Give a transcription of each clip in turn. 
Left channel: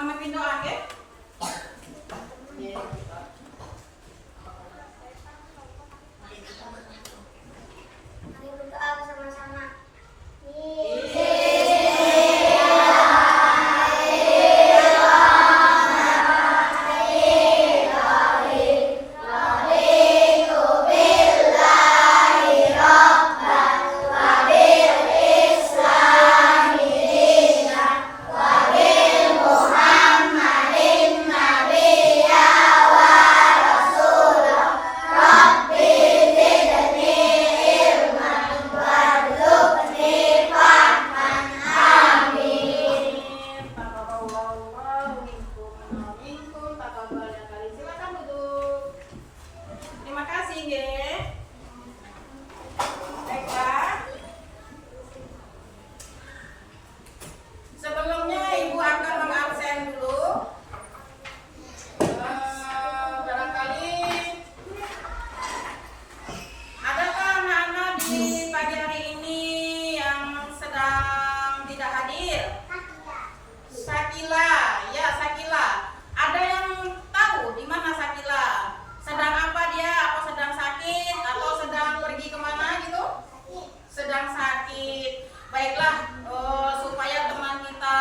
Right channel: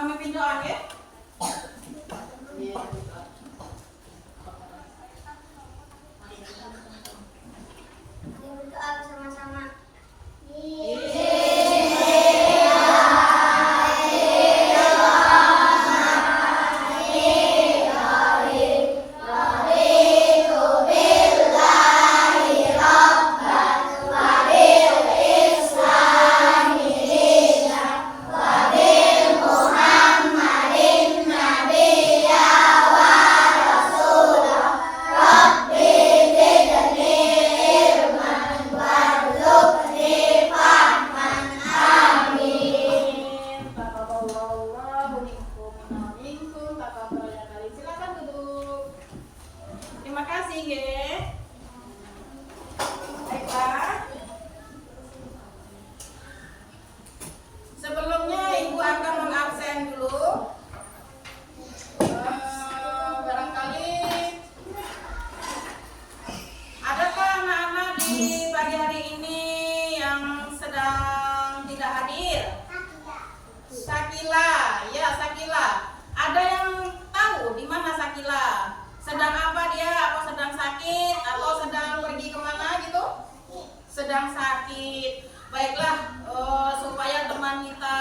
memimpin doa ya. Mari berdoa bersama-sama. Sedang sakit. Baiklah, supaya teman kita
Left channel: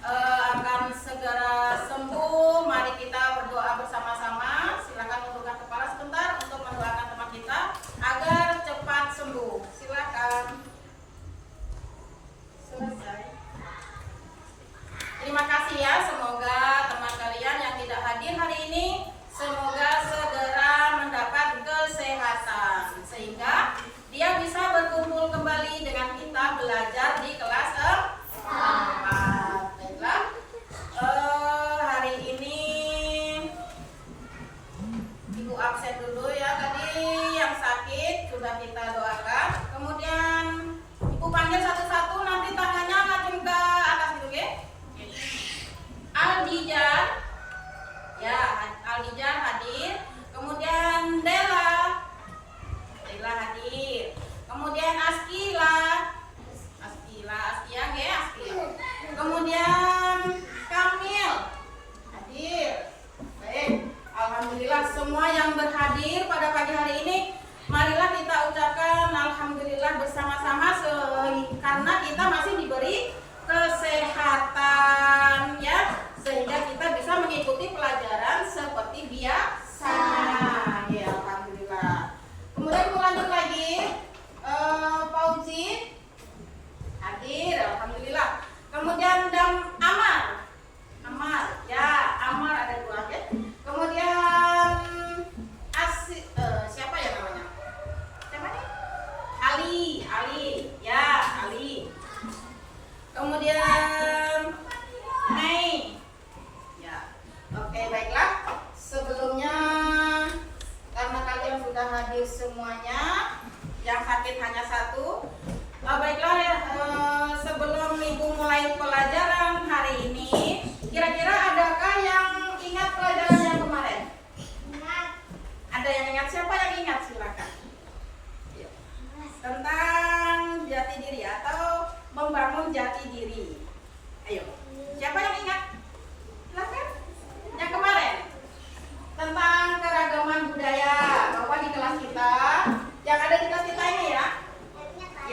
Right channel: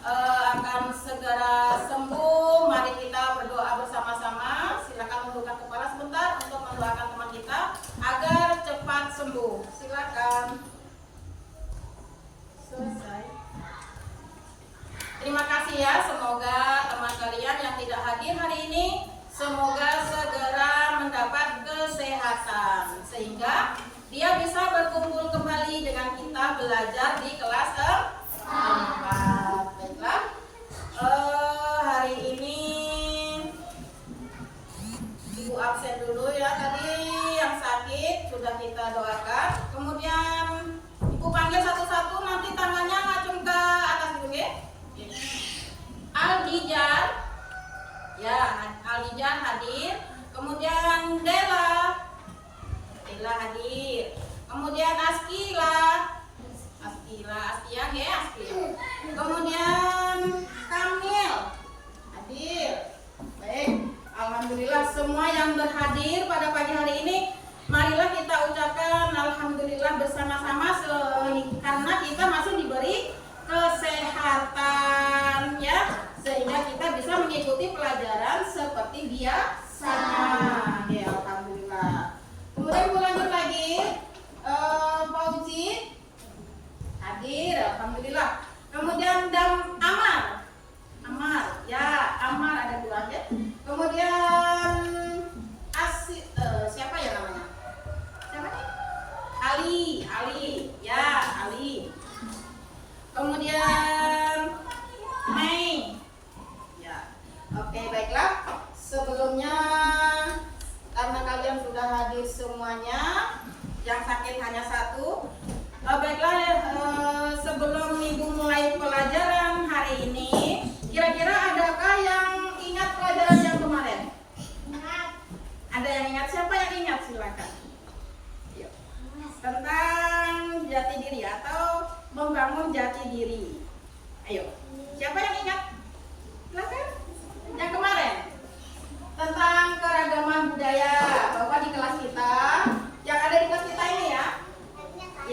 akan segera sembuh, mari kita berdoa bersama-sama. Silakan tundukkan kepala sebentar untuk mendoakan teman kita agar cepat sembuh. Silakan. Selesai. Terima kasih ya, semoga teman kalian yang tidak hadir hari ini semoga segera mendapat kesehatan sehingga dia bisa berkumpul kembali dengan kita belajar di kelas 4. Baiklah, hari ini Ibu absen dulu ya. Tadi yang sakit sudah kita doakan. Kemudian Ibu panggil satu-satu, nanti tangannya ngacung ke atas gitu ya. Aldijan, ya Aldijan hadir. Kemudian Dela hadir. Kemudian Askian ya, Askian. Kemudian Kamil hadir. Baik, alhamdulillah semua yang berhadir pada pagi hari ini, marilah kita ucapkan alhamdulillah bersama-sama karena kita masih diberi kesehatan ya, sehingga kita bisa mengikuti pelajaran seperti biasanya. Ya, alhamdulillah. Kemudian lanjut lagi, Fauzi hadir, alhamdulillah. Kemudian Amar, ya Amar ada 2 ya. Kemudian siapa ya namanya? Siapa nih? Ali, ya Ali. Kemudian Mei, ya. Oke, baiklah. Sebelumnya karena kalian sudah hadir semuanya, yang sakit hanya 1. Baiklah, sebelum Ibu mulai pelajaran hari ini, kira-kira adakah yang ingat pelajaran yang kemarin? Ada yang ingat? Siapa yang ingat? Silakan. Yuk. Tentang jati diri atau membangun jati diri. Ayo, siapa yang ingat? Silakan. Yang kemarin tentang keragaman budaya, bahwa di kelas kita, yang ada di kelas kita ini ya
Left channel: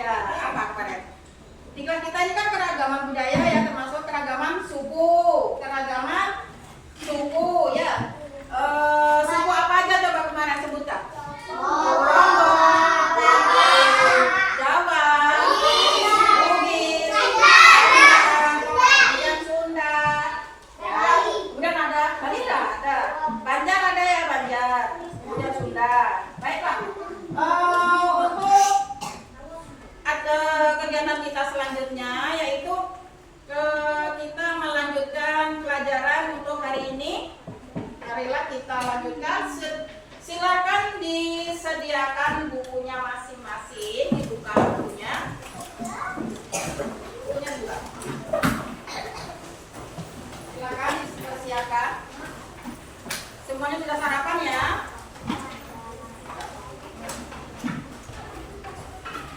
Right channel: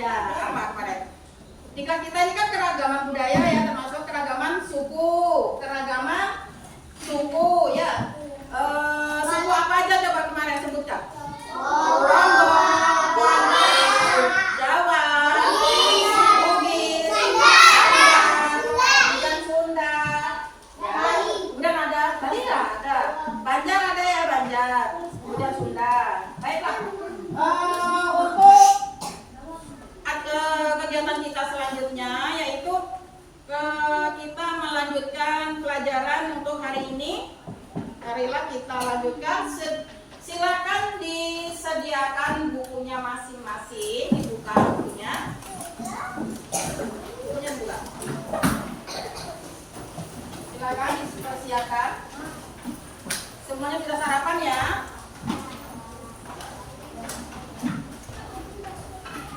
apa kemarin? Di kelas kita ini kan keragaman budaya ya, termasuk keragaman suku ya. Suku apa aja coba kemarin sebutkan? Rondong, Jawa, Bugis, kemudian Sunda, ya. Kemudian ada Banjar ada ya, Banjar, kemudian Sunda. Baiklah, untuk ada kegiatan kita selanjutnya yaitu kita melanjutkan pelajaran untuk hari ini. Marilah kita lanjutkan. Silakan disediakan bukunya masing-masing, dibuka bukunya. Bukunya buka. Silakan dipersiapkan. Semuanya sudah sarapan ya.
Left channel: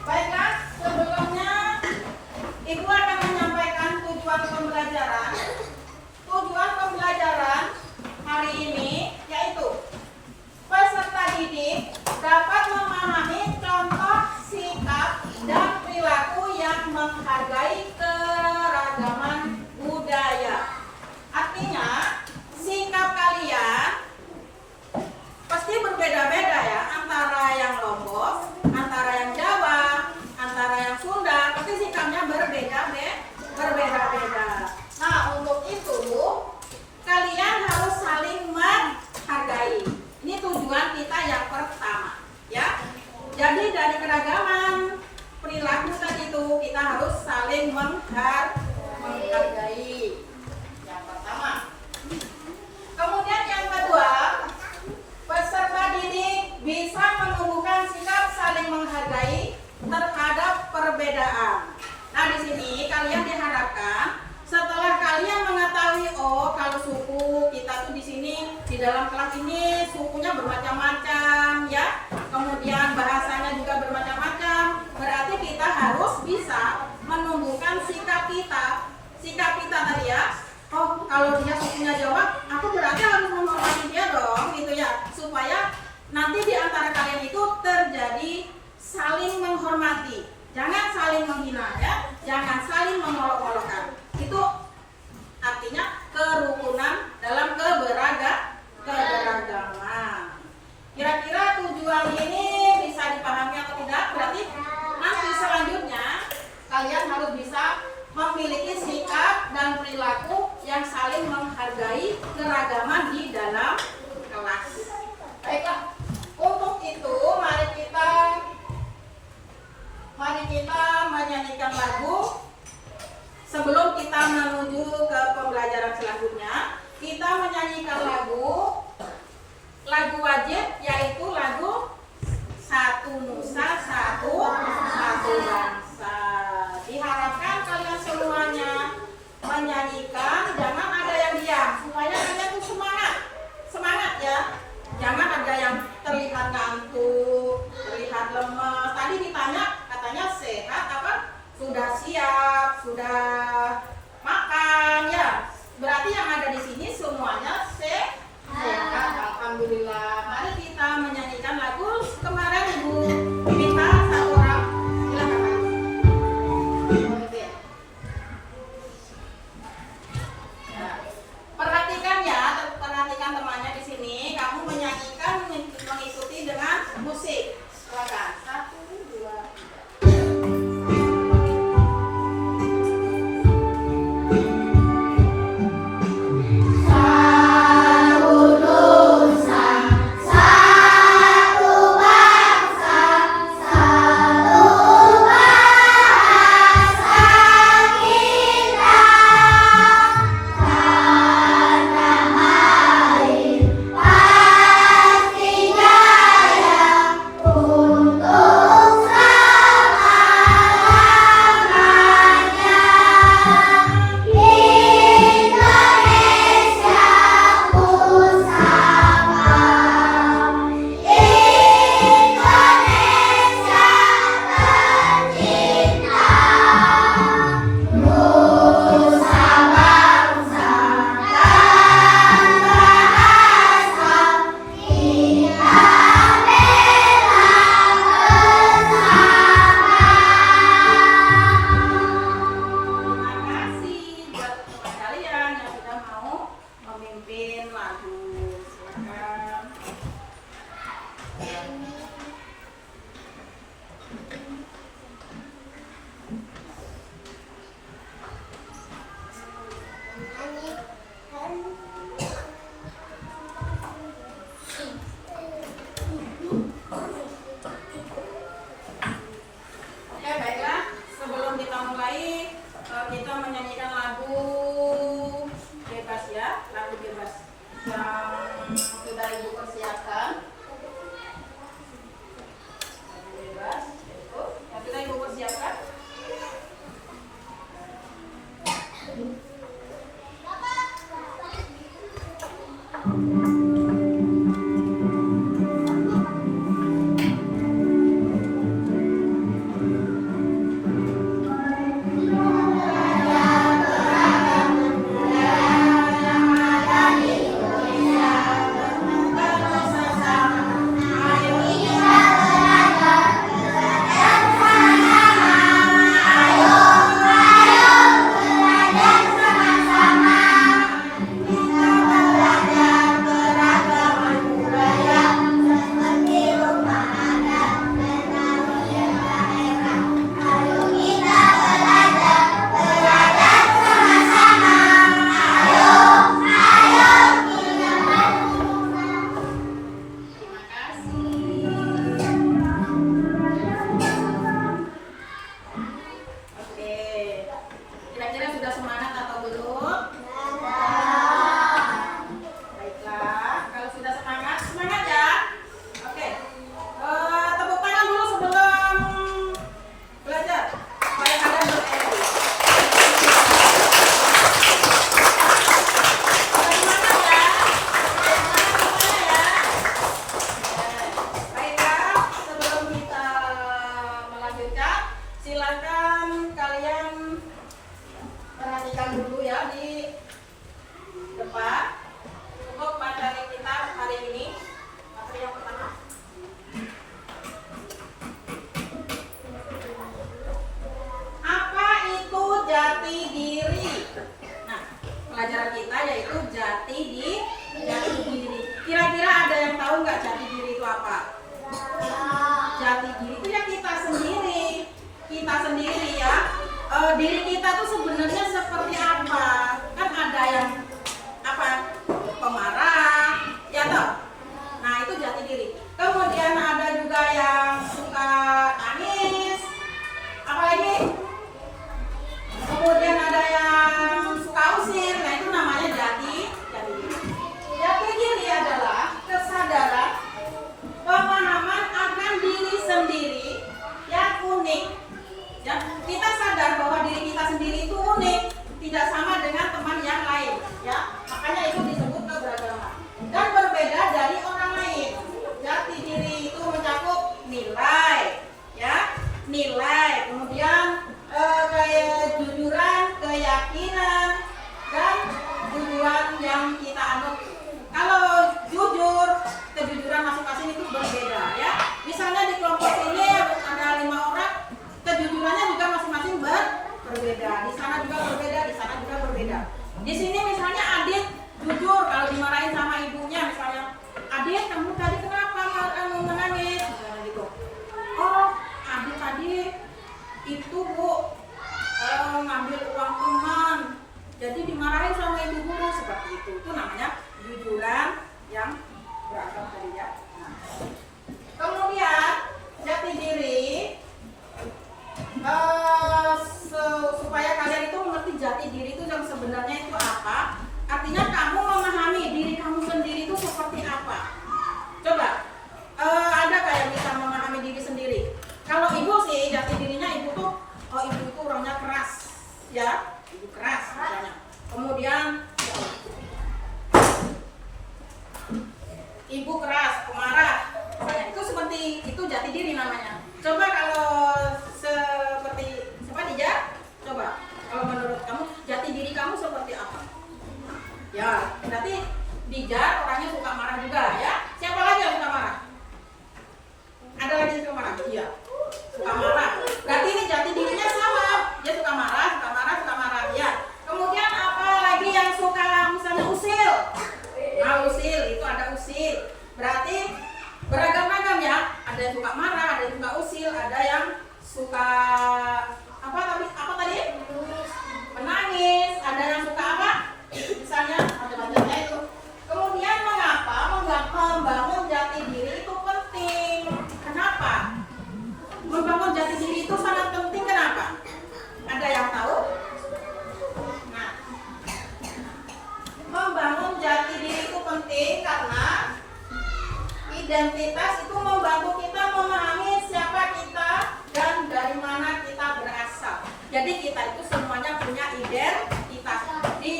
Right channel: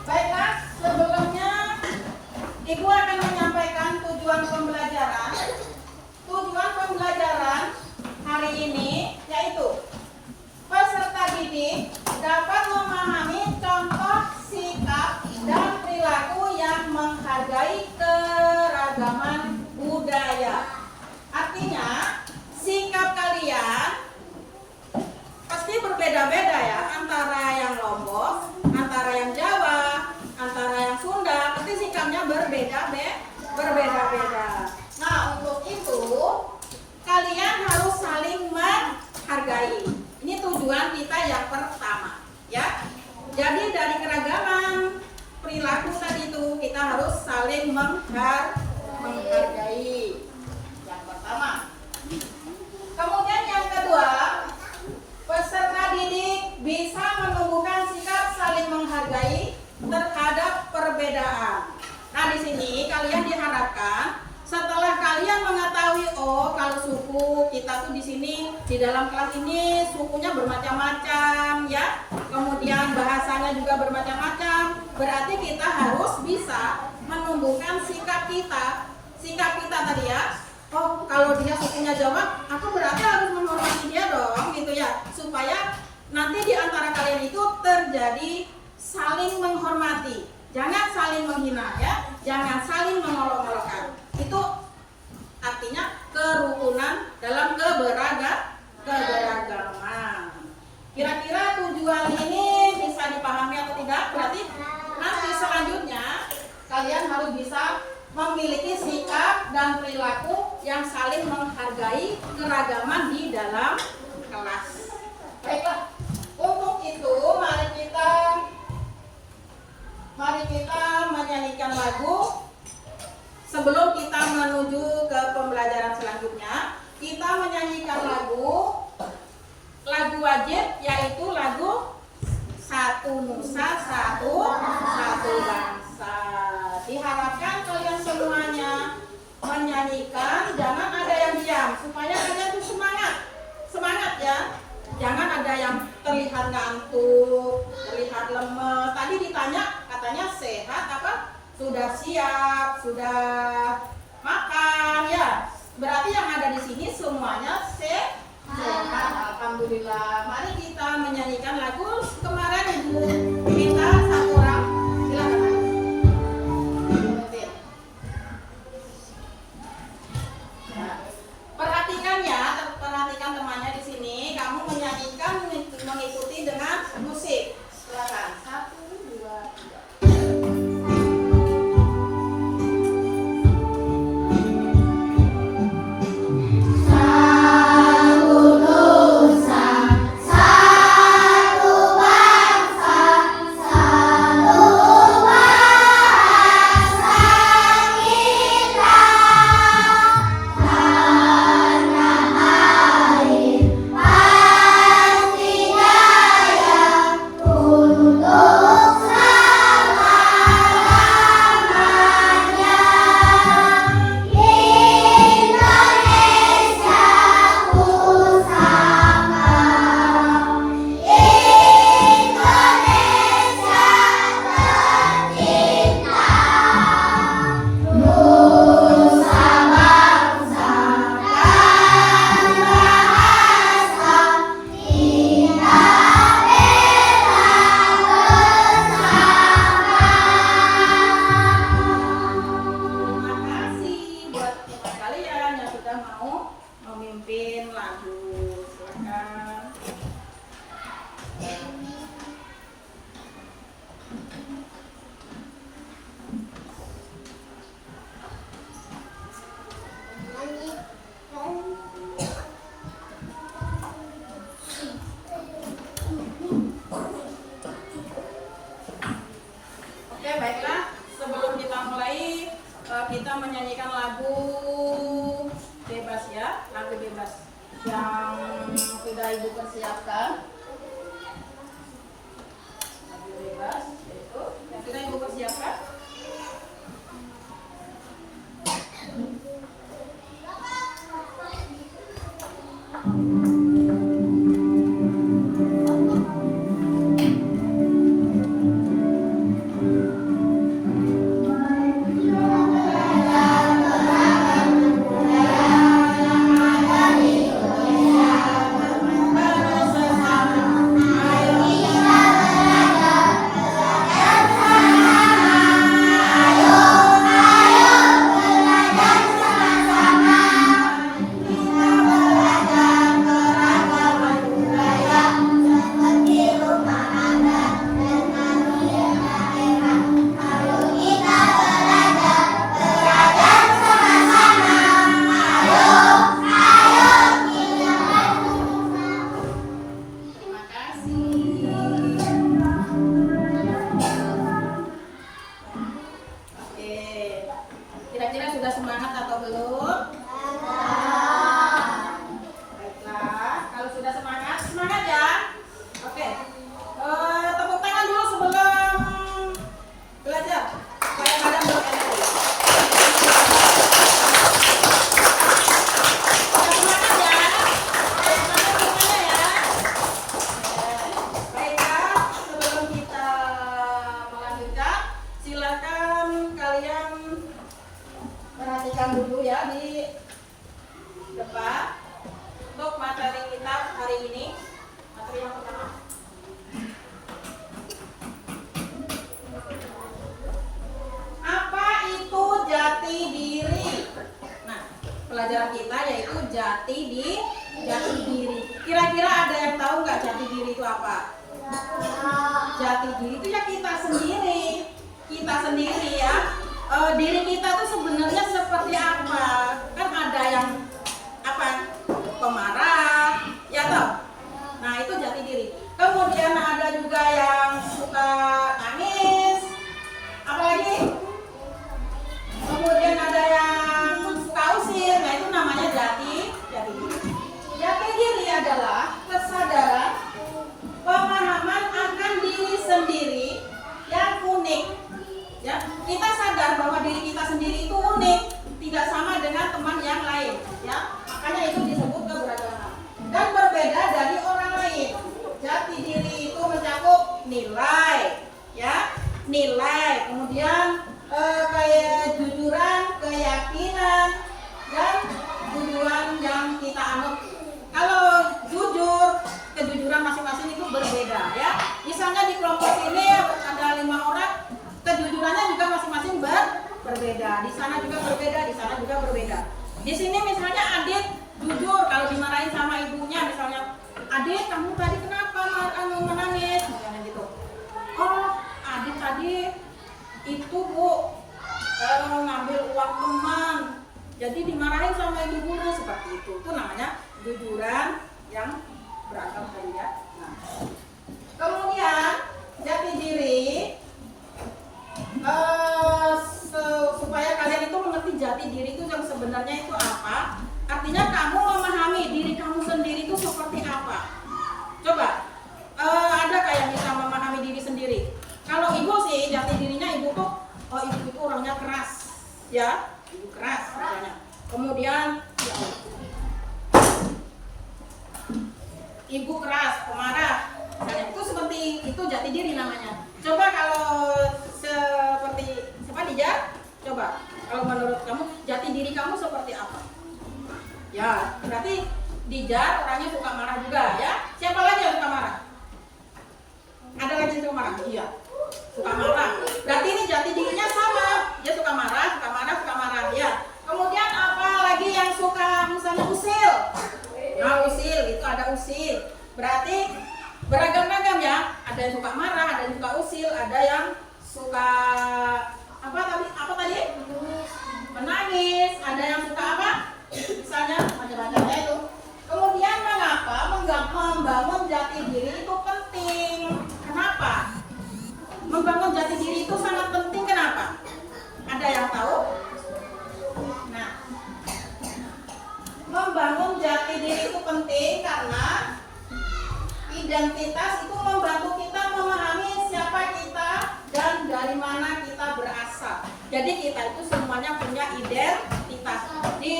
Baiklah, sebelumnya Ibu akan menyampaikan tujuan pembelajaran. Di dalam kelas ini sukunya bermacam-macam ya. Kemudian bahasanya juga bermacam-macam. Berarti kita harus bisa menumbuhkan sikap kita. Sikap kita tadi ya. Oh, kalau dia sukunya Jawa, aku berarti harus menghormati dia dong gitu ya. Supaya nanti di antara kalian itu terjadi saling menghormati. Jangan saling menghina ya. Jangan saling mengolok-olokkan. Itu artinya kerukunan dalam keberagaman. Kira-kira tujuan ini bisa dipahami atau tidak? Berarti nanti selanjutnya kalian harus bisa memiliki sikap dan perilaku yang saling menghargai keragaman di dalam kelas. Baiklah, untuk itu mari kita menyanyikan lagu. Sebelum kita menuju ke pembelajaran selanjutnya, kita menyanyikan lagu wajib, yaitu lagu Satu Nusa Satu Bangsa. Diharapkan kalian semuanya menyanyikan, jangan ada yang diam, supaya kalian tuh semangat ya. Jangan ada yang terlihat ngantuk, terlihat lemes. Tadi ditanya katanya sehat apa? Sudah siap, sudah makan ya. Berarti yang ada di sini semuanya sehat. Alhamdulillah. Mari kita menyanyikan lagu kemarin Ibu minta satu orang. Silakan. Ya. Perhatikan ya, perhatikan temannya di sini. Kamu menyanyikan mengikuti dengan musik. Silakan. 1, 2, 3. pelajaran kita, yaitu jati diri. Kira-kira ada yang tahu nggak jati diri itu apa? Jati diri itu ya kita sendiri ya. Diri kita tuh sebenarnya seperti apa? Kan ada yang apa? Pemarah, ya toh? Nah, itu jati diri. Kemudian ada juga yang suka nangis. Apalagi? Kemudian ada yang suka usil. Nah, itu namanya jati diri. Jati diri adalah kesadaran, pemahaman akan diri sendiri yang unik. Ya, kita sadar bahwa diri kita sendiri itu unik, tidak sama dengan teman yang lain. Ya, makanya itu disebut keberagaman dan berbeda dari orang lain. Jati diri itu mencakup nilai, ya, nilai. Kemudian kayak jujuran, keyakinan, dan tujuan yang kita anut. Kalau jujur, kejujuran masing-masing itu berbeda, ya. Misalnya di kelompok ini ada 5 orang, kejujurannya juga masing-masing berbeda. Di sana juga berbeda, di sana juga berbeda. Di sini misalnya Adit jujur kalau dimarahin sama ibunya, misalnya, Adit kamu tadi kenapa menangis? Misalnya gitu. Oh, Adit tadi itu Bu ngambil uang teman, jadi dimarahin sama ibu guru, seperti itu. Itu namanya jujuran yang beragam tadi, ya. Nah, kemudian jati diri, supaya kalian itu mengerti jati diri itu yang sebenarnya itu apa. Artinya kamu memahami diri kamu sendiri itu seperti apa. Coba ada kayak bisa memahami diri sendiri. Kalau ibu sih jati dirinya ibu tuh, oh ibu itu orangnya keras, ya, ibu keras misalnya. Kemudian ya, ibu keras, pemarah, misalnya. Itu seperti itu jati diri namanya. Coba kalau seperti Dija, coba kalau menurut kamu jati diri kamu seperti apa? Ya, berarti Dija orangnya suka marah juga, ya. Siapa lagi yang suka marah? Ada lagi yang suka marah? Iya, suka marah. Berarti ini jati dirinya sama. Dia suka marah, ya. Kemudian apa lagi yang suka misalnya usil? Nah, usil itu ada usil. Berarti beragam-ragam, ya. Ada yang suka marah, ada yang suka usil, ada yang suka apa tadi? Menangis. Ada yang suka apa? Misalnya macam-macamnya itu. Kemudian mengapa membangun jati diri itu penting? Kenapa? Membangun jati diri itu sangat penting. Kenapa? Ada yang tahu? Nah, membangun jati diri itu penting karena identitas itu membantu kita memahami siapa kita dan dari mana kita berasal. Jadi kita itu semuanya punya identitas. Di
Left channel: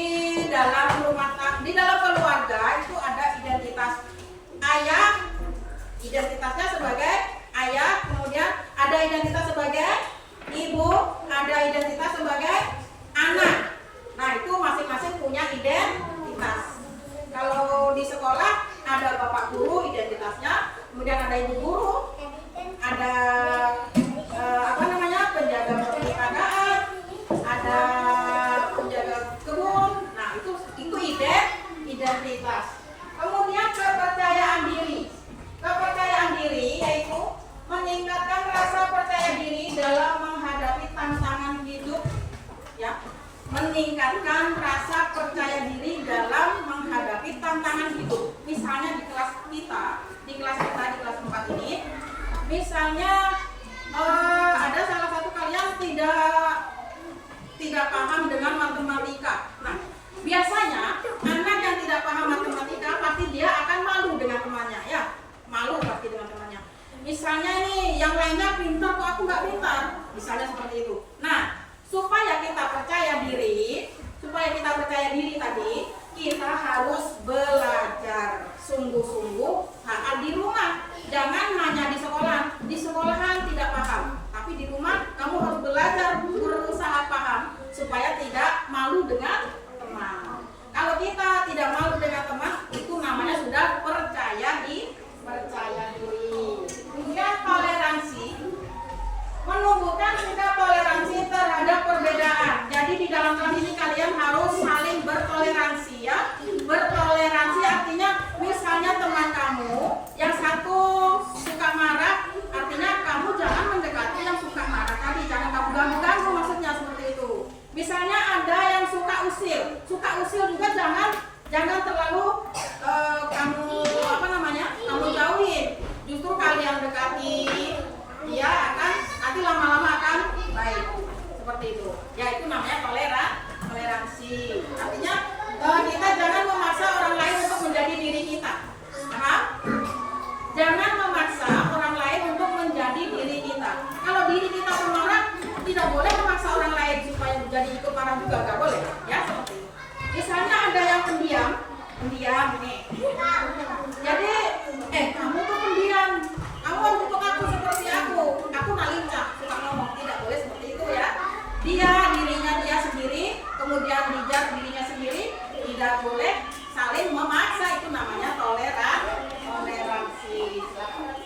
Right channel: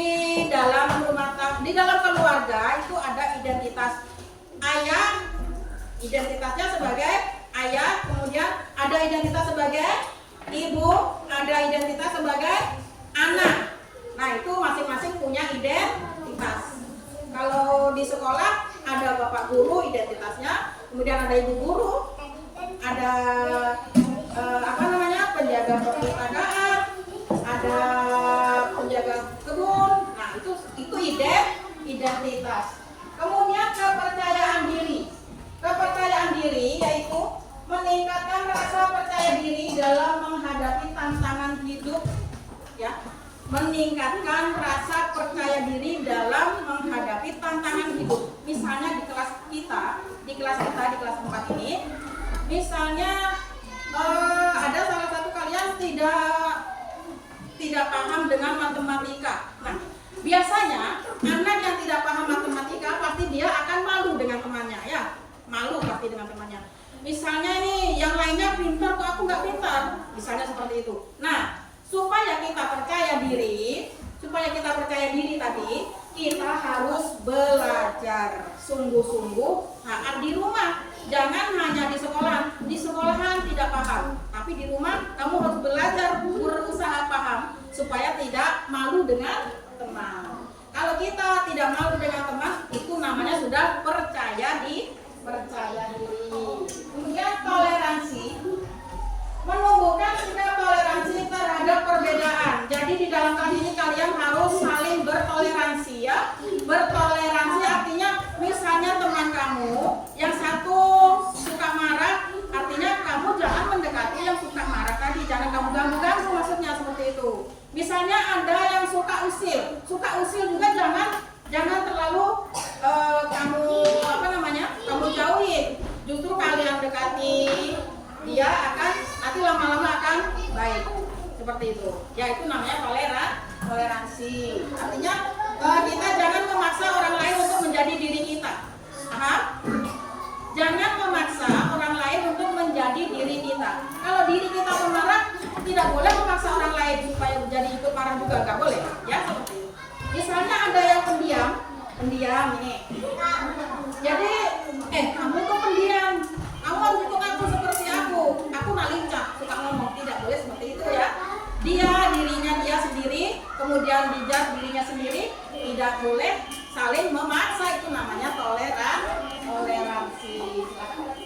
dalam rumah tangga, di dalam keluarga itu ada identitas ayah, identitasnya sebagai ayah, kemudian ada identitas sebagai ibu, ada identitas sebagai anak. Nah, itu masing-masing punya identitas. Kalau di sekolah ada bapak guru identitasnya, kemudian ada ibu guru, ada penjaga perpustakaan, ada penjaga kebun. Nah, itu identitas. Kemudian kepercayaan diri yaitu meningkatkan rasa percaya diri dalam menghadapi tantangan hidup, ya. Meningkatkan rasa percaya diri dalam menghadapi tantangan hidup. Misalnya di kelas 4 ini, misalnya ada salah satu kalian tidak paham dengan matematika. Nah, biasanya anak yang tidak paham matematika pasti dia akan malu dengan temannya, ya. Malu pasti dengan temannya. Misalnya nih, yang lainnya pintar kok aku nggak pintar, misalnya seperti itu. Nah, supaya kita percaya diri tadi, kita harus belajar sungguh-sungguh saat di rumah. Jangan hanya di sekolah. Di sekolahan tidak paham, tapi di rumah kamu harus belajar, berusaha paham supaya tidak malu dengan teman. Kalau kita tidak malu dengan teman, itu namanya sudah percaya diri. Kemudian toleransi, menumbuhkan sikap toleransi terhadap perbedaan. Jadi di dalam kelas ini kalian harus saling bertoleransi. pendiam ini. Jadi, kamu kok pendiam? Kamu harus ikut aku seperti aku. Aku nalincak, suka ngomong, tidak boleh seperti itu ya. Dia dirinya dia sendiri, kemudian Dija dirinya sendiri, tidak boleh saling memaksa. Itu namanya toleransi. Silakan.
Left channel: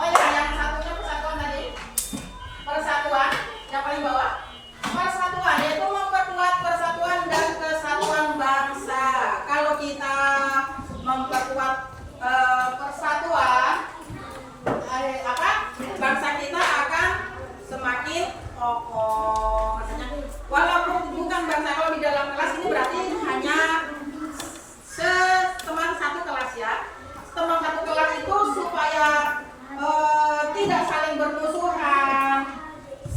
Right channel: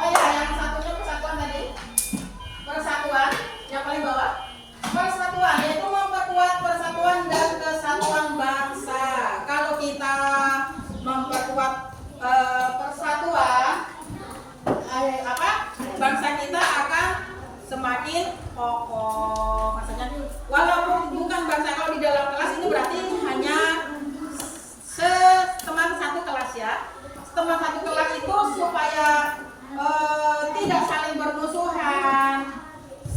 Oh ya, yang satunya persatuan tadi. Persatuan, yang paling bawah. Persatuan yaitu memperkuat persatuan dan kesatuan bangsa. Kalau kita memperkuat persatuan, bangsa kita akan semakin kokoh. Maksudnya, walaupun bukan bangsa, kalau di dalam kelas ini berarti hanya teman satu kelas ya. Teman satu kelas itu supaya tidak saling bermusuhan,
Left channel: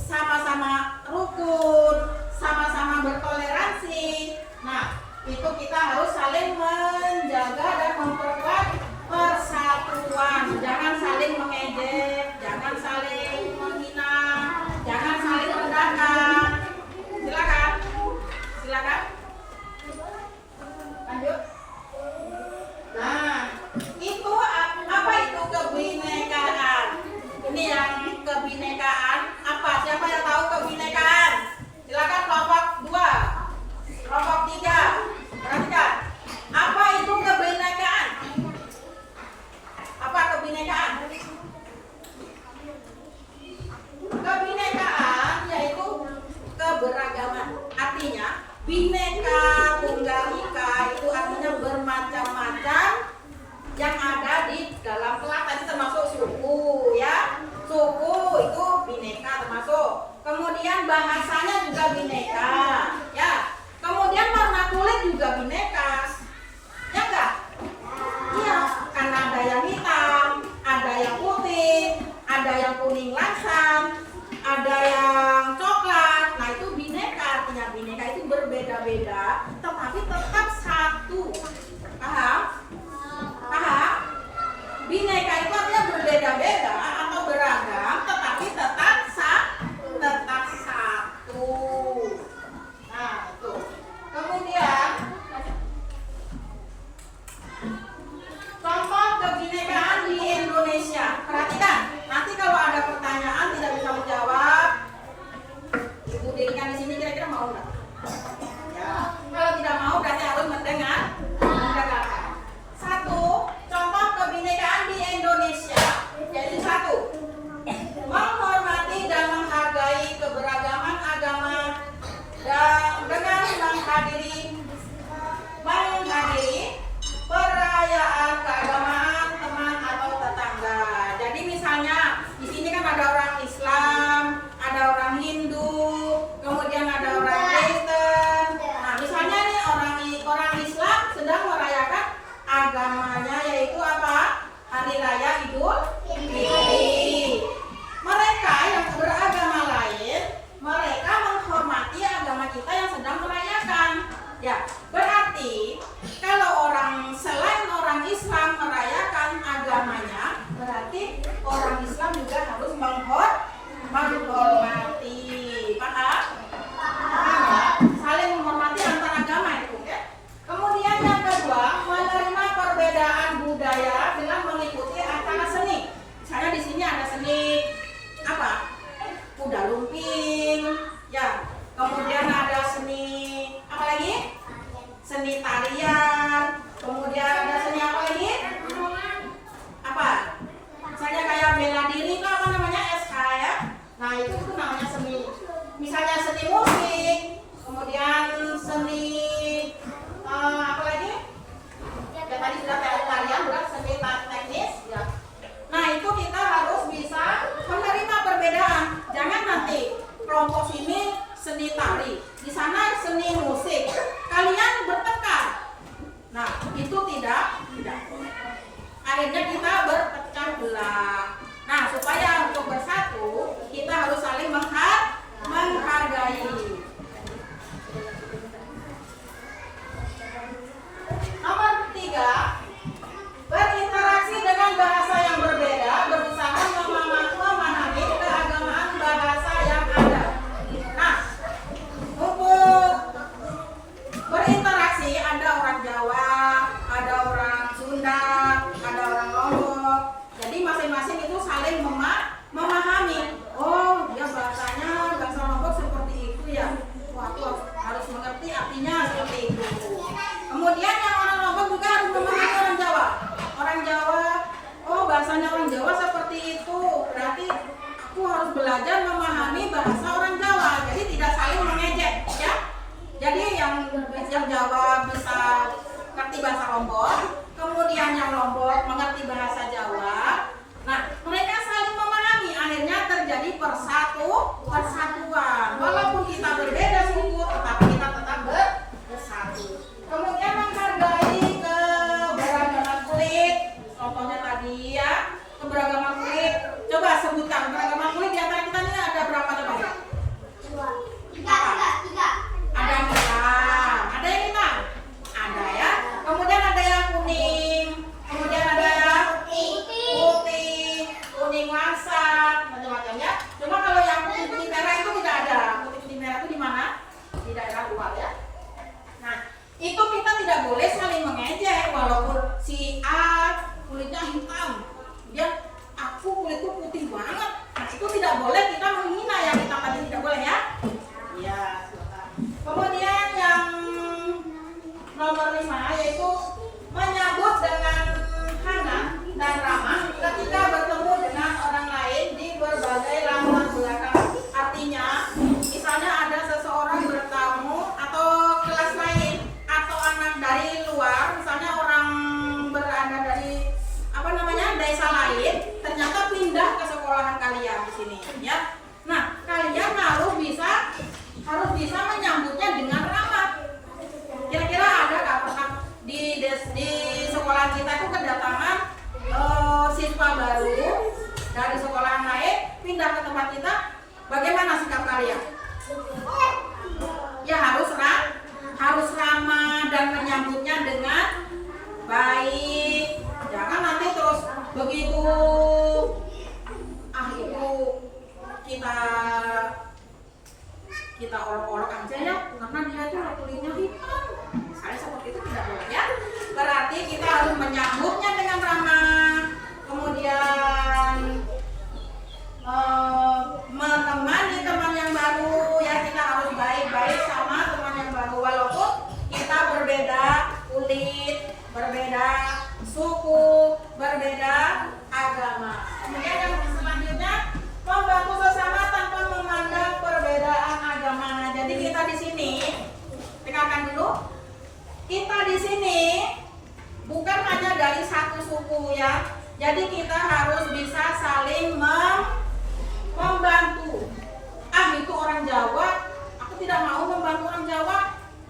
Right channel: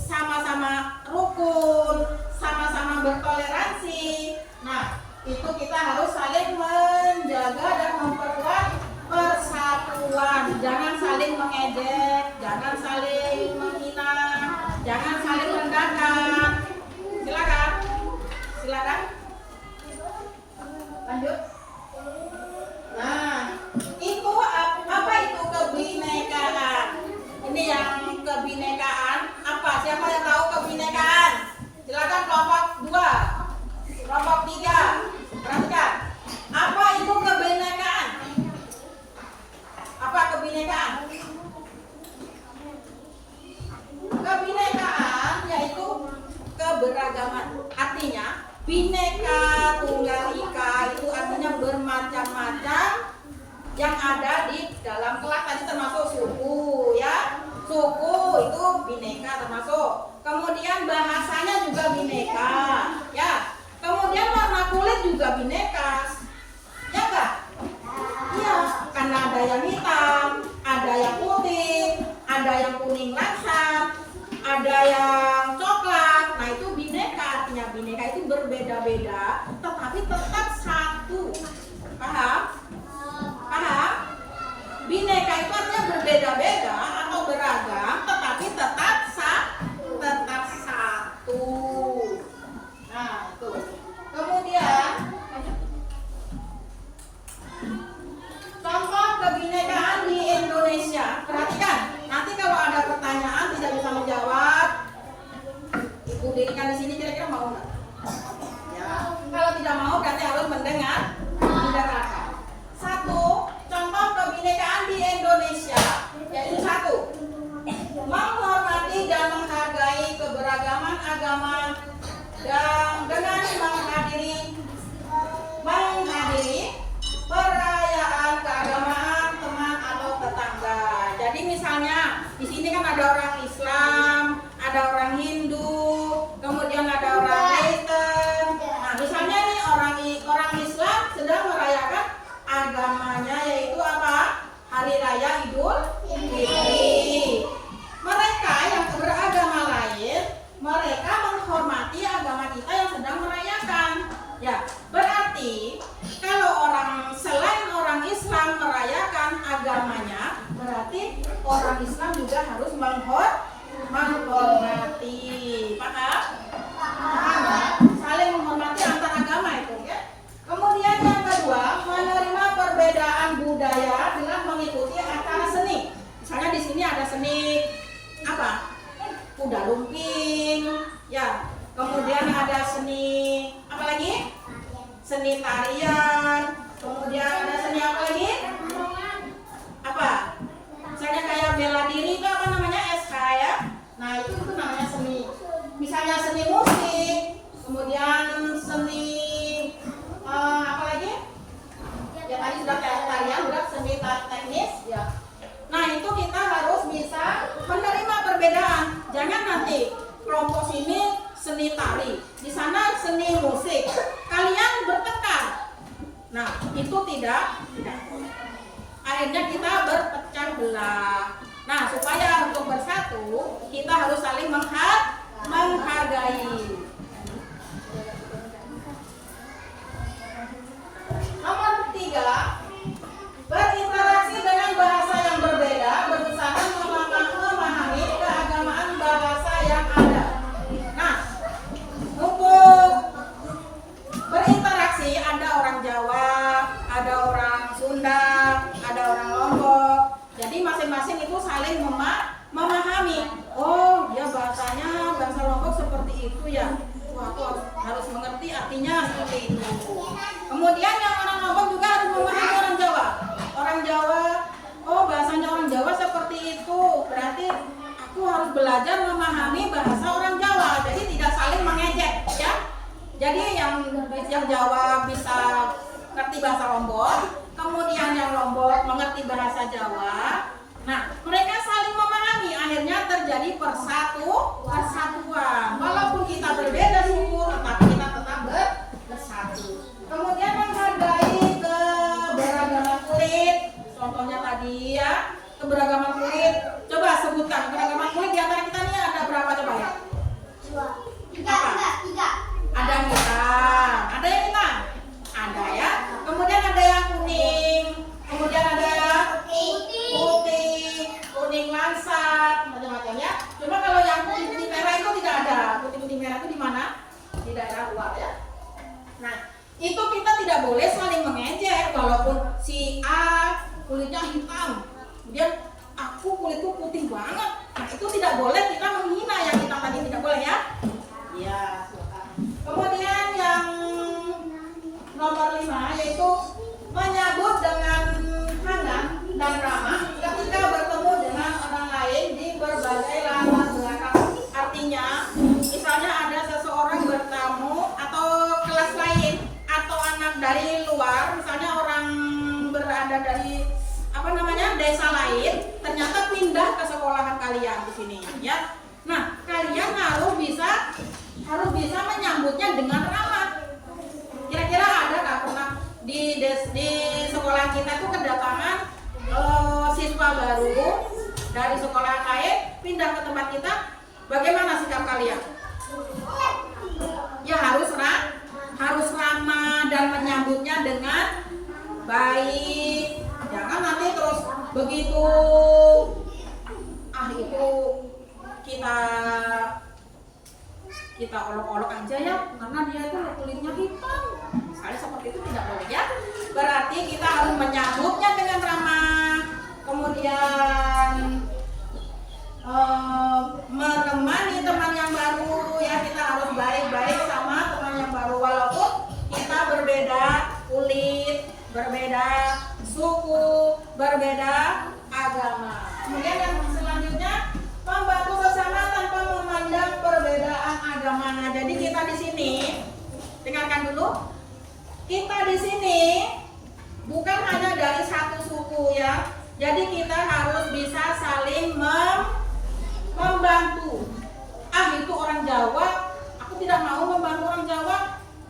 sama-sama rukun, sama-sama bertoleransi. Nah, itu kita harus saling menjaga dan memperkuat persatuan. Jangan saling mengejek, jangan saling menghina, jangan saling merendahkan. Silakan. Lanjut. Nah, itu apa itu kebinekaan? Ini yang kebinekaan apa? Siapa yang tahu kebinekaan? Silakan kelompok 2, kelompok 3. Perhatikan. Apa itu kebinekaan? Apa kebinekaan? Kebinekaan yaitu keberagaman. Artinya bineka tunggal ika itu artinya bermacam-macam yang ada di dalam kelak, tadi termasuk suku ya. Suku itu bineka termasuk. Kemudian bahasanya juga bineka ya. Kemudian warna kulit juga bineka. Ya enggak? Iya, karena ada yang hitam, ada yang putih, ada yang kuning langsam, ada yang coklat. Nah, itu bineka. Artinya bineka itu berbeda-beda tetapi tetap satu. Paham? Bineka itu artinya berbeda-beda atau beragam tetapi tetap satu. Nah, itu. Kemudian contoh kebinekaan di Indonesia. Perhatikan, nanti kalau ada pertanyaan tidak bisa menjawab, Ibu dirikan di sini kira-kira mau nggak? Ya. Kalau tidak mau berarti harus mendengarkan. Satu, contoh kebinekaan di Indonesia yaitu 1, menghormati dan menghargai keberagaman agama dan dengan menghadiri perayaan keagamaan teman atau tetangga. Jadi misalnya di sini kan ada orang Islam, ada orang Hindu, kemudian ada orang Kristen. Nah, misalnya nih orang Islam sedang merayakan agamanya yaitu apa? Hari Raya Idul Fitri. Mereka yang beragama lain, mereka menghormati agama kita yang sedang merayakan. Ya, berarti kalau selain orang Islam merayakan agamanya, berarti orang Islam juga harus menghormati. Paham? Ya, saling menghormati antar agama itu, oke? Kemudian yang kedua, menerima perbedaan budaya dengan mengikuti acara seni. Misalnya di sini ada seni apa? Kuda lumping, ya. Kemudian ada seni apa lagi? Seni tarian. Kemudian ada seni apa lagi? Apa? Misalnya kayak bela diri itu apa namanya? SK ya. Nah, itu namanya seni. Misalnya seni musik, kemudian seni apa lagi? Ya tadi sudah tarian, berat seni teknis ya. Nah, itu kita harus bisa menerima perbedaan. Jangan nanti kelompok sini seni tari, di sana seni musik, kalian bertengkar. Nah, itu tidak. Akhirnya kita berpecah belah. Nah, supaya untuk bersatu, kita harus saling menghargai. Nomor 3, berinteraksi dengan bahasa yang berbeda, berusaha memahami keagamaan bahasa yang ada. Nah, bahasa Lombok, kemudian yang Lombok mengerti bahasa Jawa. Nah, mereka saling memahami, akhirnya terjadi persatuan. Walaupun kita berbeda suku, tetapi kita tetap bersatu. Kemudian menghargai keberagaman kulit. Contohnya tadi ya, keberagaman kulit. Coba sebutkan keberagaman kulit di antara kita ini ada berapa coba ya? Tiga. Ada yang hitam, ada yang hitam, ada ya. Kemudian ada yang kuning, kemudian ada putih, kuning langsat, macam-macam ya. Cuma kalau yang putih merah itu tidak ada. Putih merah itu di mana? Di daerah luar ya. Nah, itu kita tidak boleh saling mengejek, walaupun si A kulitnya hitam, kemudian aku kulitku putih banget. Nah, itu tidak boleh kita menghina yang hitam tadi, tidak boleh ya. Iya. Kemudian yang nomor 5 yaitu menyambut dengan hangat dan ramah ketika bertemu dengan orang lain di berbagai latar belakang. Artinya, misalnya ada seseorang bertamu atau kelas lain atau anak dari luar, misalnya orang berada dari desa lain, ternyata pindah ke sekolahan kalian di sini ya. Nah, kalian harus bisa menyambutnya dengan ramah. Kira-kira ada nggak pernah di sekolah kita itu kedatangan siswa baru dari sekolah lain pindah ke tempat kita, bagaimana sikap kalian? Ya harus ramah dan menyambutnya dengan baik. Jangan nanti terus begitu itu kita olok-olok aja ya, karena dia itu kulitnya hitam. Misalnya seperti itu tidak boleh ya. Berarti kita harus menyambutnya dengan ramah. Kemudian menemani teman yang baru ya, kita harus baik-baik sama teman yang baru walaupun kita berbeda kulit, berbeda suku, berbeda agama. Kemudian yang selanjutnya membantu bersama tanpa memandang perbedaan agama. Jadi kita di sini, dengarkan dulu, kita di sini bukan hanya dari satu suku ya. Jadi kita harus bisa saling membantu. Itu orang Jawa, aku tidak mau membantu orang Jawa.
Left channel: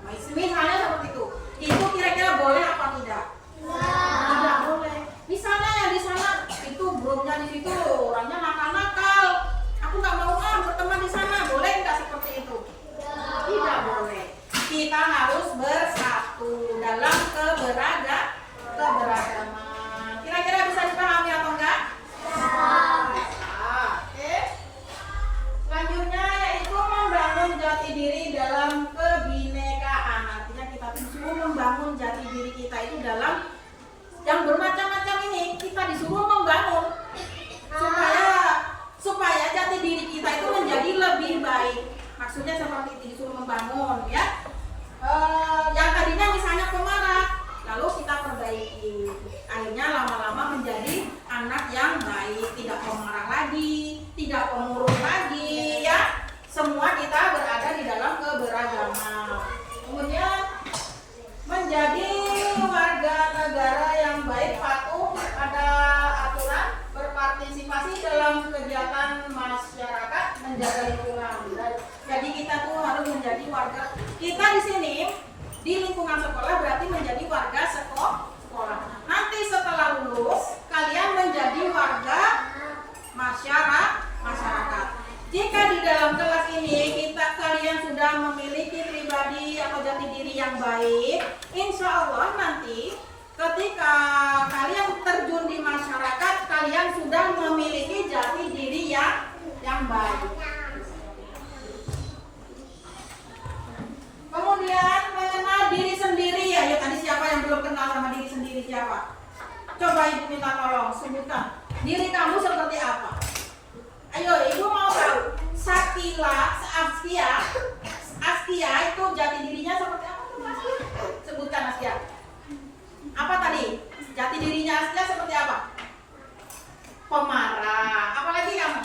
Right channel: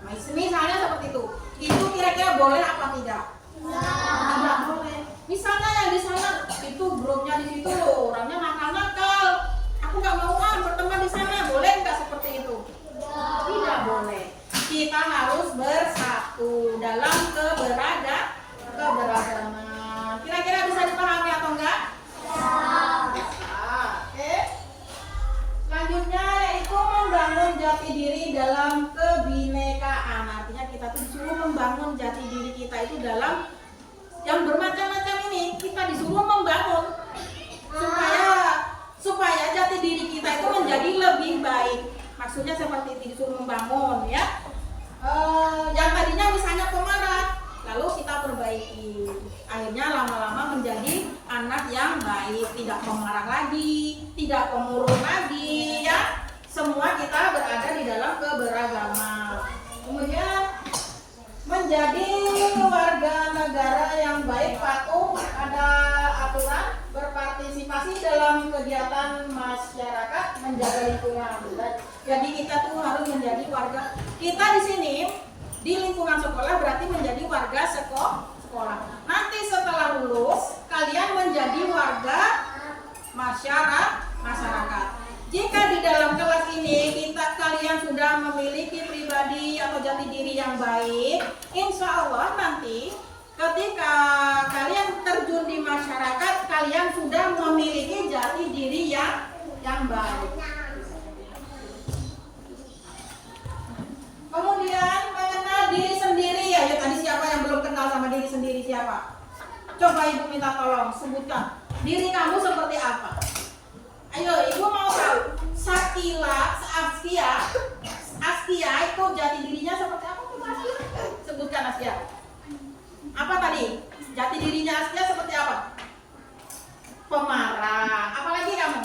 Nah, misalnya seperti itu. Itu kira-kira boleh apa tidak? Tidak boleh. Misalnya yang di sana itu grupnya di situ orangnya nakal-nakal. Aku nggak mau berteman di sana. Boleh nggak seperti itu? Tidak boleh. Kita harus bersatu dalam keberagaman. Kira-kira bisa dipahami atau enggak? Oke. Selanjutnya yaitu membangun jati diri dalam kebinekaan. Artinya kita disuruh membangun jati diri kita itu dalam yang bermacam-macam ini. Kita disuruh membangun supaya jati diri kita itu menjadi lebih baik. Maksudnya seperti itu, disuruh membangun ya. Yang tadinya misalnya pemarah, lalu kita perbaiki. Akhirnya lama-lama menjadi anak yang baik, tidak pemarah lagi, tidak pemurung lagi ya. Semua kita berada di dalam keberagaman. Kemudian menjadi warga negara yang baik, patuh pada aturan, berpartisipasi dalam kegiatan masyarakat, menjaga lingkungan. Jadi kita tuh harus menjadi warga. Kita di sini di lingkungan sekolah berarti menjadi warga sekolah. Nanti setelah lulus kalian menjadi warga masyarakat. Jika di dalam kelas ini kalian sudah memiliki pribadi atau jati diri yang baik, insya Allah nanti ketika kalian terjun di masyarakat, kalian sudah memiliki jati diri yang baik. Kemudian mengenal diri sendiri ya. Yuk, tadi siapa yang belum kenal sama diri sendiri, siapa? Coba ibu minta tolong sebutkan diri kamu seperti apa. Ayo, ibu mau tahu. Askia itu jati dirinya seperti apa? Sebutkan Askia. Apa tadi? Jati dirinya Askia seperti apa? Pemarah. Apalagi kamu?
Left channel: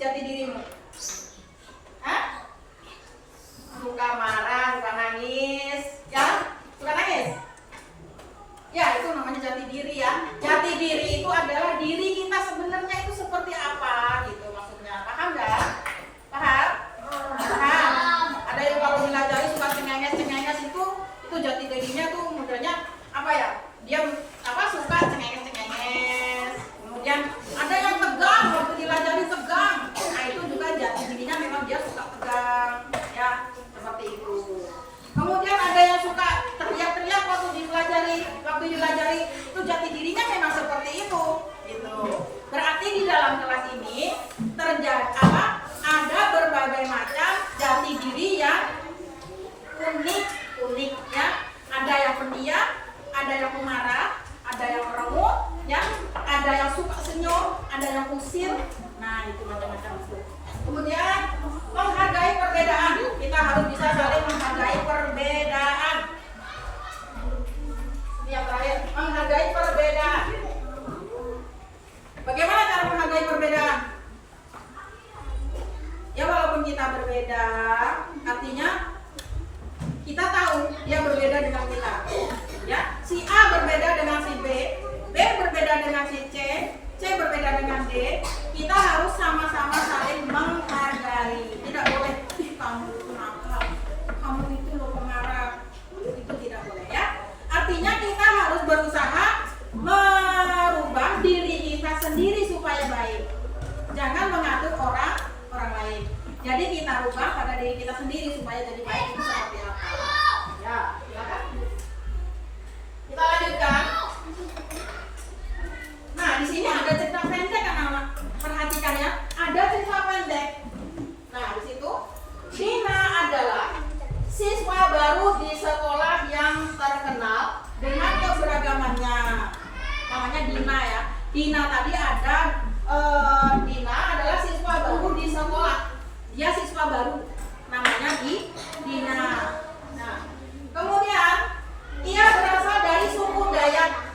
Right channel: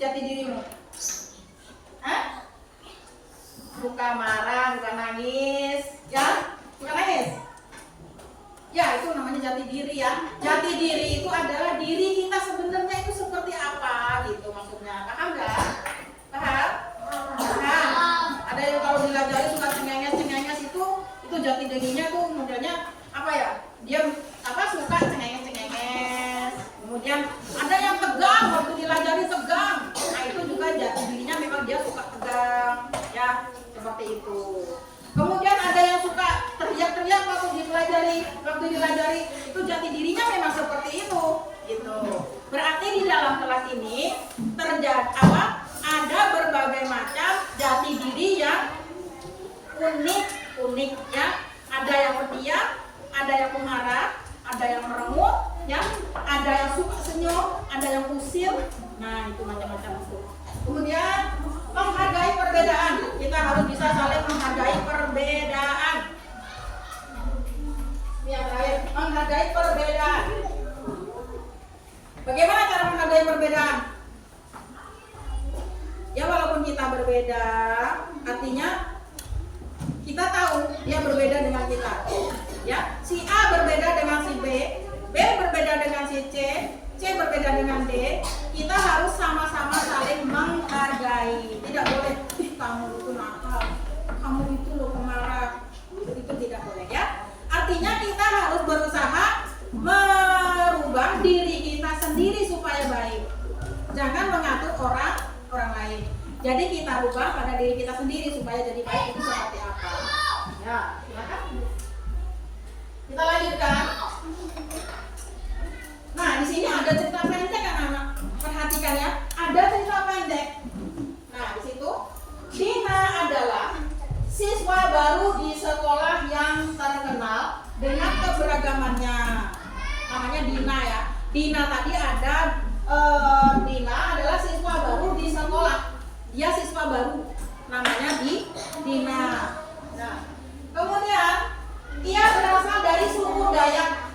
Jati dirimu? Suka marah, suka nangis, ya? Suka nangis? Ya, itu namanya jati diri ya. Jati diri itu adalah diri kita sebenarnya itu seperti apa gitu maksudnya. Paham nggak? Paham? Paham. Ada yang kalau dilajari suka cengenges itu jati dirinya tuh modelnya apa ya? Dia apa suka cengenges. Kemudian ada yang tegang, waktu dilajari tegang. Nah, itu juga jati dirinya memang dia suka tegang ya, seperti itu. Kemudian ada yang suka teriak-teriak waktu dilajari itu jati dirinya memang seperti itu gitu. Berarti di dalam kelas ini terjadi apa? Ada berbagai macam jati diri yang unik ya. Ada yang pendiam, ada yang pemarah, ada yang merengut ya, ada yang suka senyum, ada yang usil. Nah, itu macam-macam itu. Kemudian menghargai perbedaan. Kita harus bisa saling menghargai perbedaan. Ini yang terakhir, menghargai perbedaan. Bagaimana cara menghargai perbedaan? Ya, walaupun kita berbeda, artinya kita tahu dia berbeda dengan kita. Ya, si A berbeda dengan si B berbeda dengan si C berbeda dengan D. Kita harus sama-sama saling menghargai. Tidak boleh, kamu itu nakal, kamu itu loh pemarah. Itu tidak boleh ya. Artinya kita harus berusaha merubah diri kita sendiri supaya baik. Jangan mengatur orang lain. Jadi kita rubah pada diri kita sendiri supaya jadi baik itu seperti apa. Ya, silakan. Kita lanjutkan. Nah, di sini ada cerita pendek anak-anak. Perhatikan ya, ada cerita pendek. Nah, di situ Dina adalah siswa baru di sekolah yang terkenal dengan keberagamannya. Namanya Dina ya. Dina tadi ada Dina adalah siswa baru di sekolah. Dia siswa baru. Namanya Dina. Nah, kemudian ia berasal dari suku Dayak.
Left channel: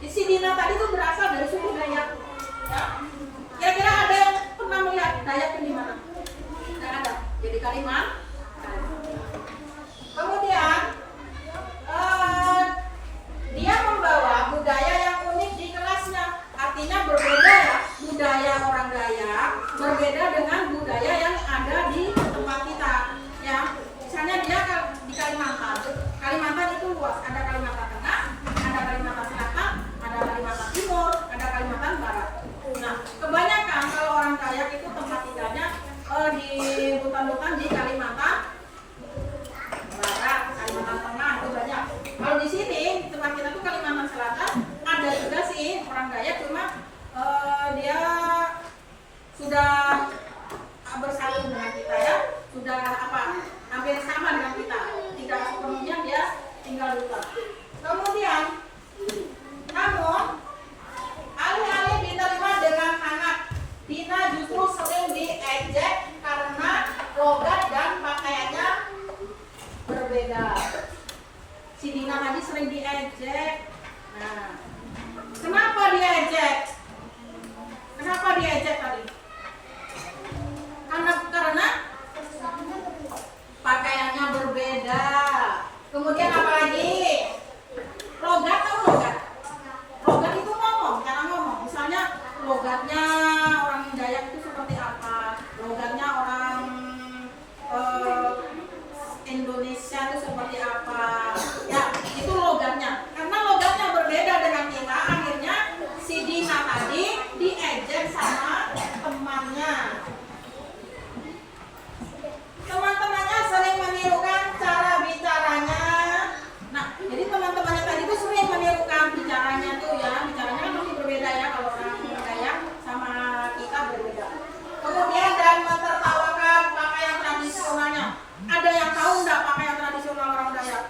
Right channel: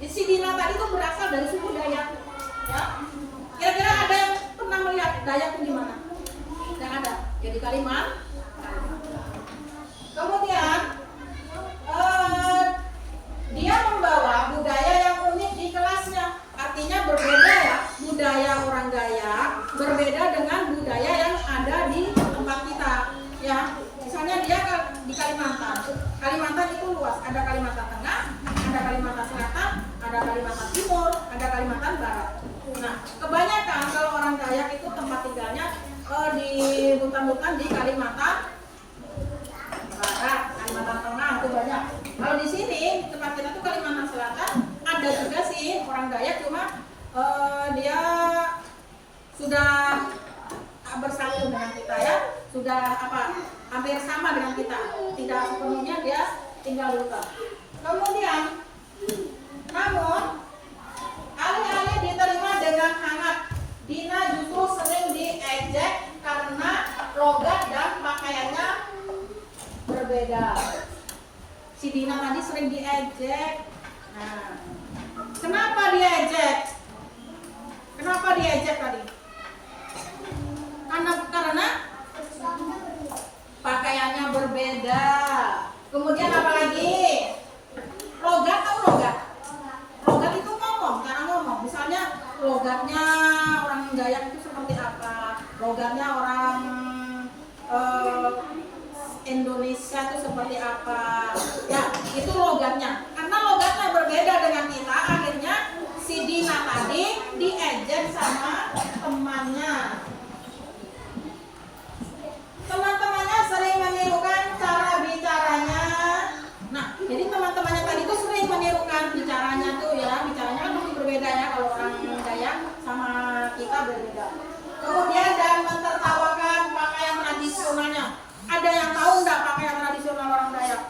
Si Dina tadi itu berasal dari suku Dayak. Ya. Kira-kira ada yang pernah melihat Dayak itu di mana? Tidak ada. Jadi Kalimantan. Kemudian dia membawa budaya yang unik di kelasnya. Artinya berbeda ya, budaya orang Dayak berbeda dengan budaya yang ada di tempat kita. Ya, misalnya dia di Kalimantan. Kalimantan itu luas. Ada Kalimantan Tengah, ada Kalimantan Selatan, ada Kalimantan Timur, ada Kalimantan Barat. Nah, kebanyakan kalau orang Dayak itu tempat tinggalnya di hutan-hutan di Kalimantan Barat, Kalimantan Tengah itu banyak. Kalau di sini di tempat kita tuh Kalimantan Selatan ada juga sih orang Dayak, cuma dia sudah bersatu dengan kita ya, sudah hampir sama dengan kita, tidak sepenuhnya dia tinggal di hutan. Kemudian namun alih-alih diterima dengan hangat, Dina justru sering diejek karena logat dan pakaiannya berbeda. Si Dina tadi sering diejek. Nah, kenapa diejek? Kenapa diejek tadi? Karena pakaiannya berbeda. Kemudian apa lagi? Logat atau logat? Logat itu ngomong, cara ngomong. Misalnya logatnya orang Dayak itu seperti apa? Logatnya orang Indonesia itu seperti apa? Ya, itu logatnya. Karena logatnya berbeda dengan kita, akhirnya si Dina tadi diejek sama temannya. Teman-temannya sering menirukan cara bicaranya. Nah, jadi teman-temannya tadi itu sering menirukan bicaranya tuh ya. Bicaranya kan pasti berbeda ya, kalau orang Dayak sama kita berbeda. Kemudian dan mentertawakan pakaian tradisionalnya. Ada yang tahu enggak pakaian tradisional orang Dayak?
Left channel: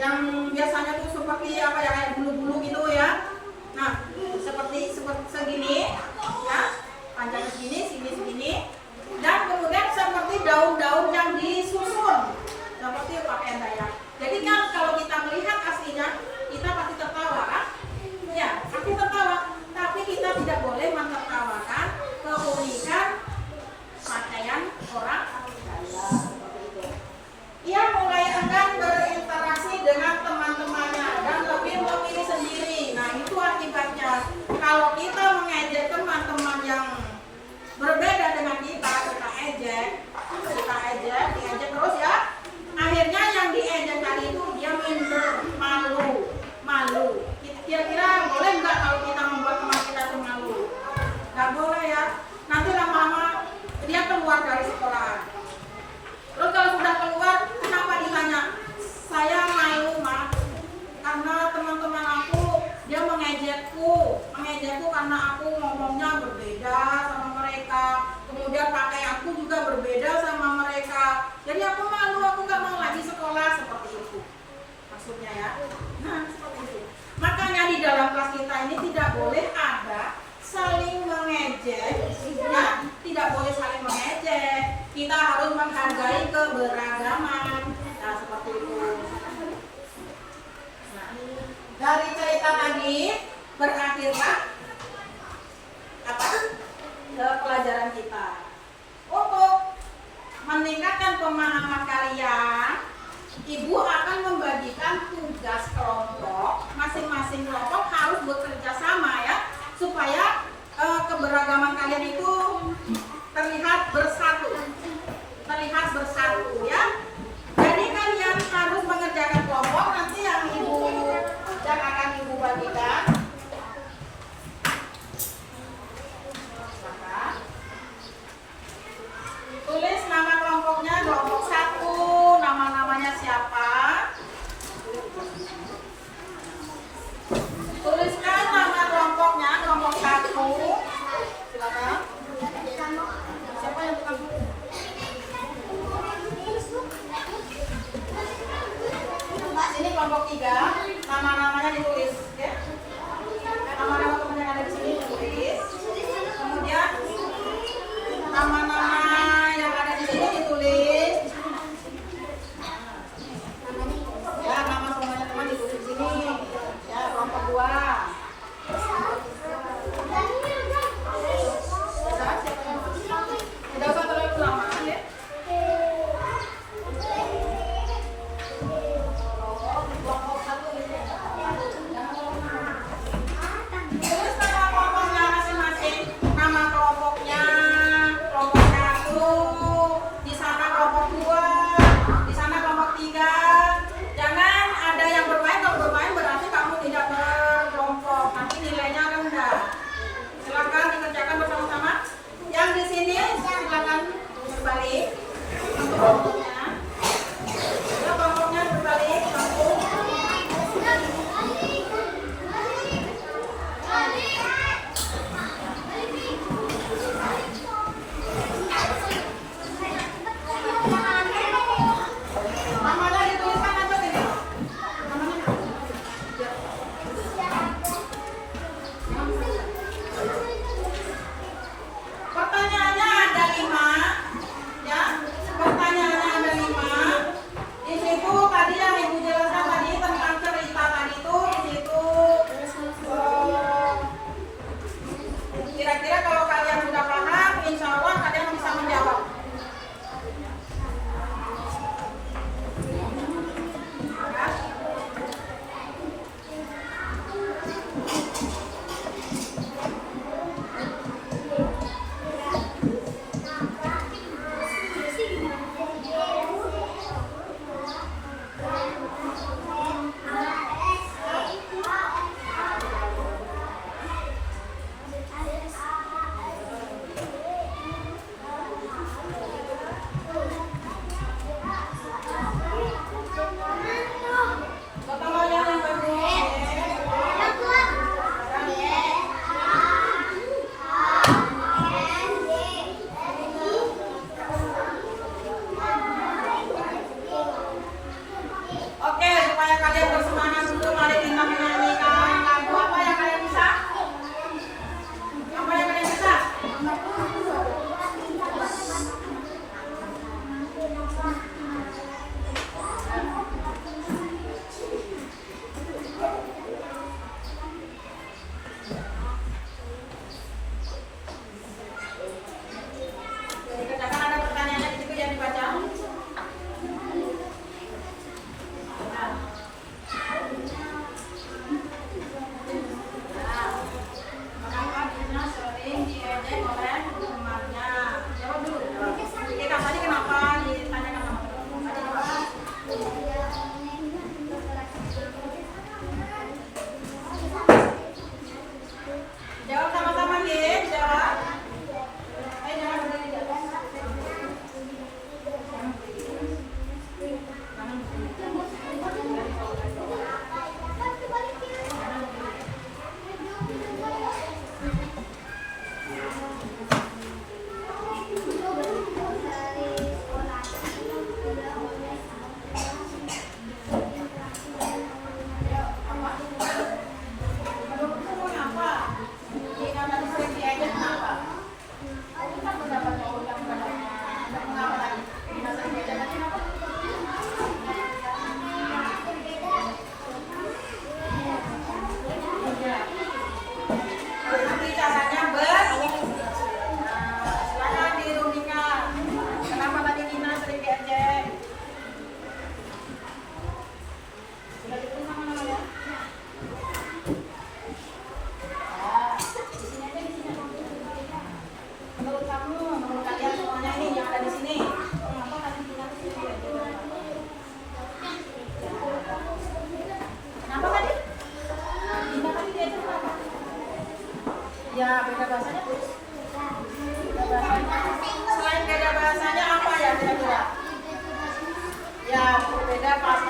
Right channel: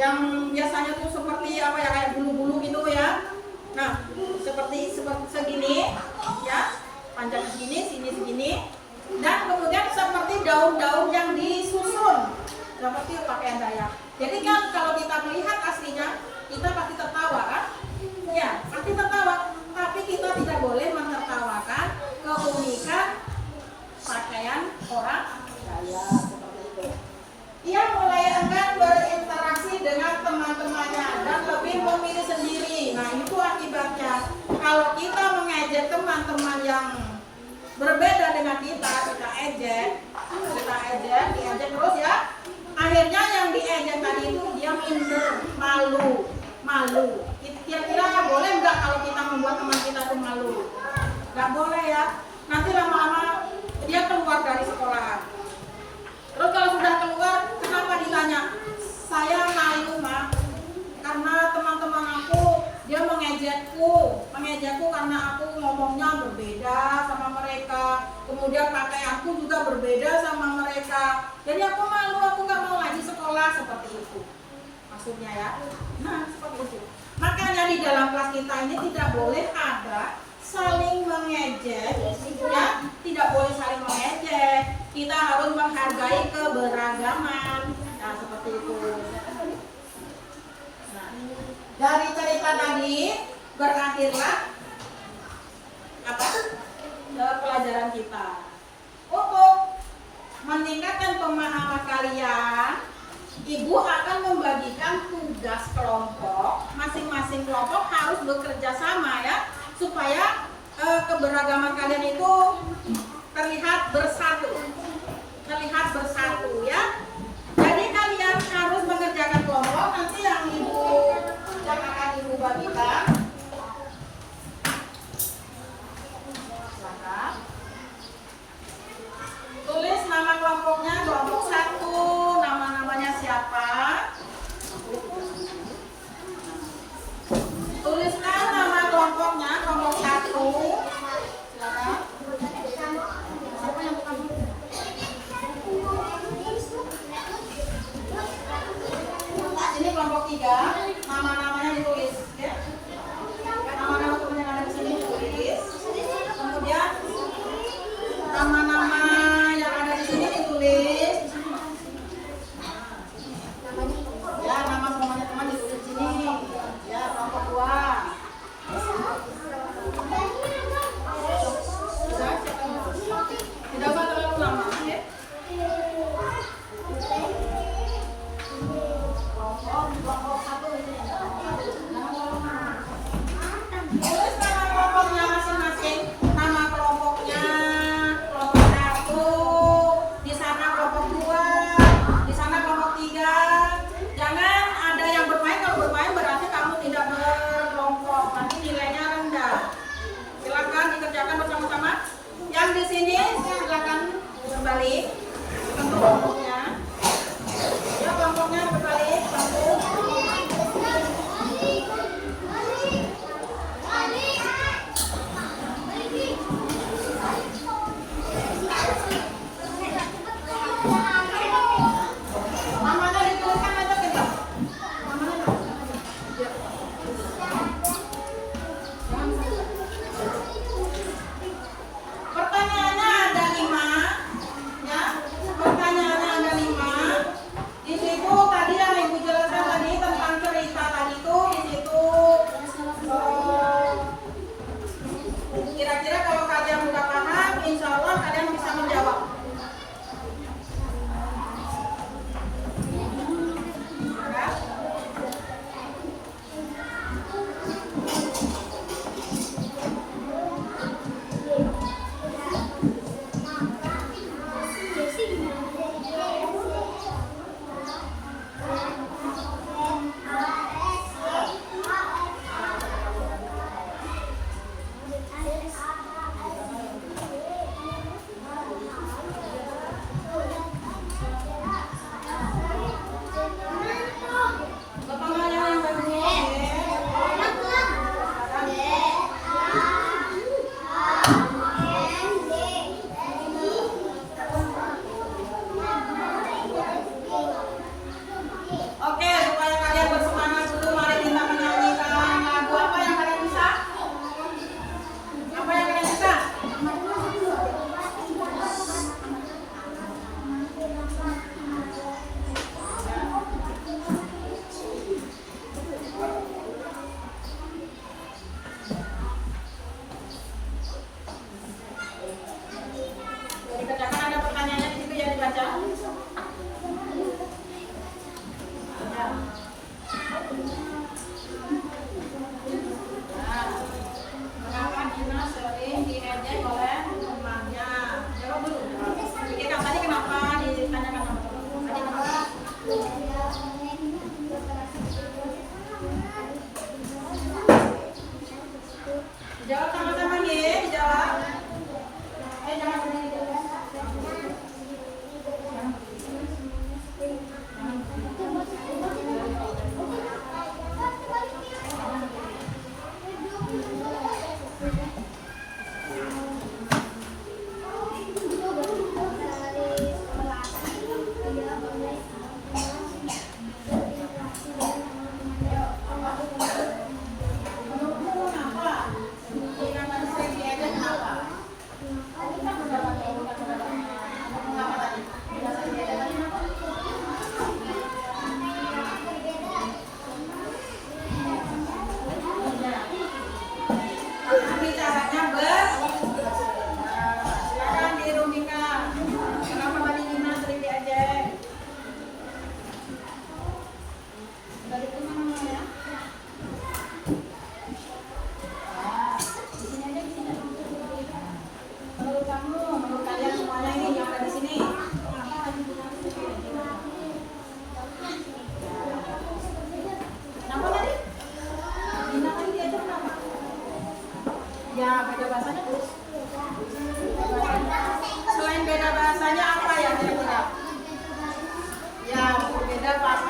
Yang biasanya tuh seperti apa ya, kayak bulu-bulu gitu ya. Nah, seperti segini ya. Panjang segini, sini segini. Dan kemudian seperti daun-daun yang disusun seperti pakaian Dayak. Jadi kan kalau kita melihat aslinya, kita pasti tertawa kan? Ya, pasti tertawa. Tapi kita tidak boleh mentertawakan keunikan pakaian orang Dayak seperti itu. Ia mulai akan berinteraksi dengan teman-temannya. Jadi aku malu, aku nggak mau lagi sekolah, seperti itu maksudnya ya. Nah seperti itu. Makanya di dalam kelas kita ini tidak boleh ada saling mengejek, ya, tidak boleh saling mengejek. Kita harus menghargai keberagaman. Nah seperti itu. Nah, dari cerita tadi berakhirlah apa? Pelajaran kita. Untuk meningkatkan pemahaman kalian, Ibu akan membagikan tugas kelompok. Masing-masing kelompok harus bekerja sama ya, supaya keberagaman kalian itu terlihat bersatu. Terlihat bersatu ya. Jadi kalian harus mengerjakan kelompok. Nanti yang akan Ibu bagikan. Tulis nama kelompoknya, kelompok 1, nama-namanya siapa. Tuliskan nama kelompoknya, kelompok 1. Silakan. Siapa yang tukang?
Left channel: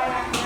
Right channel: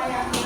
pakaiannya.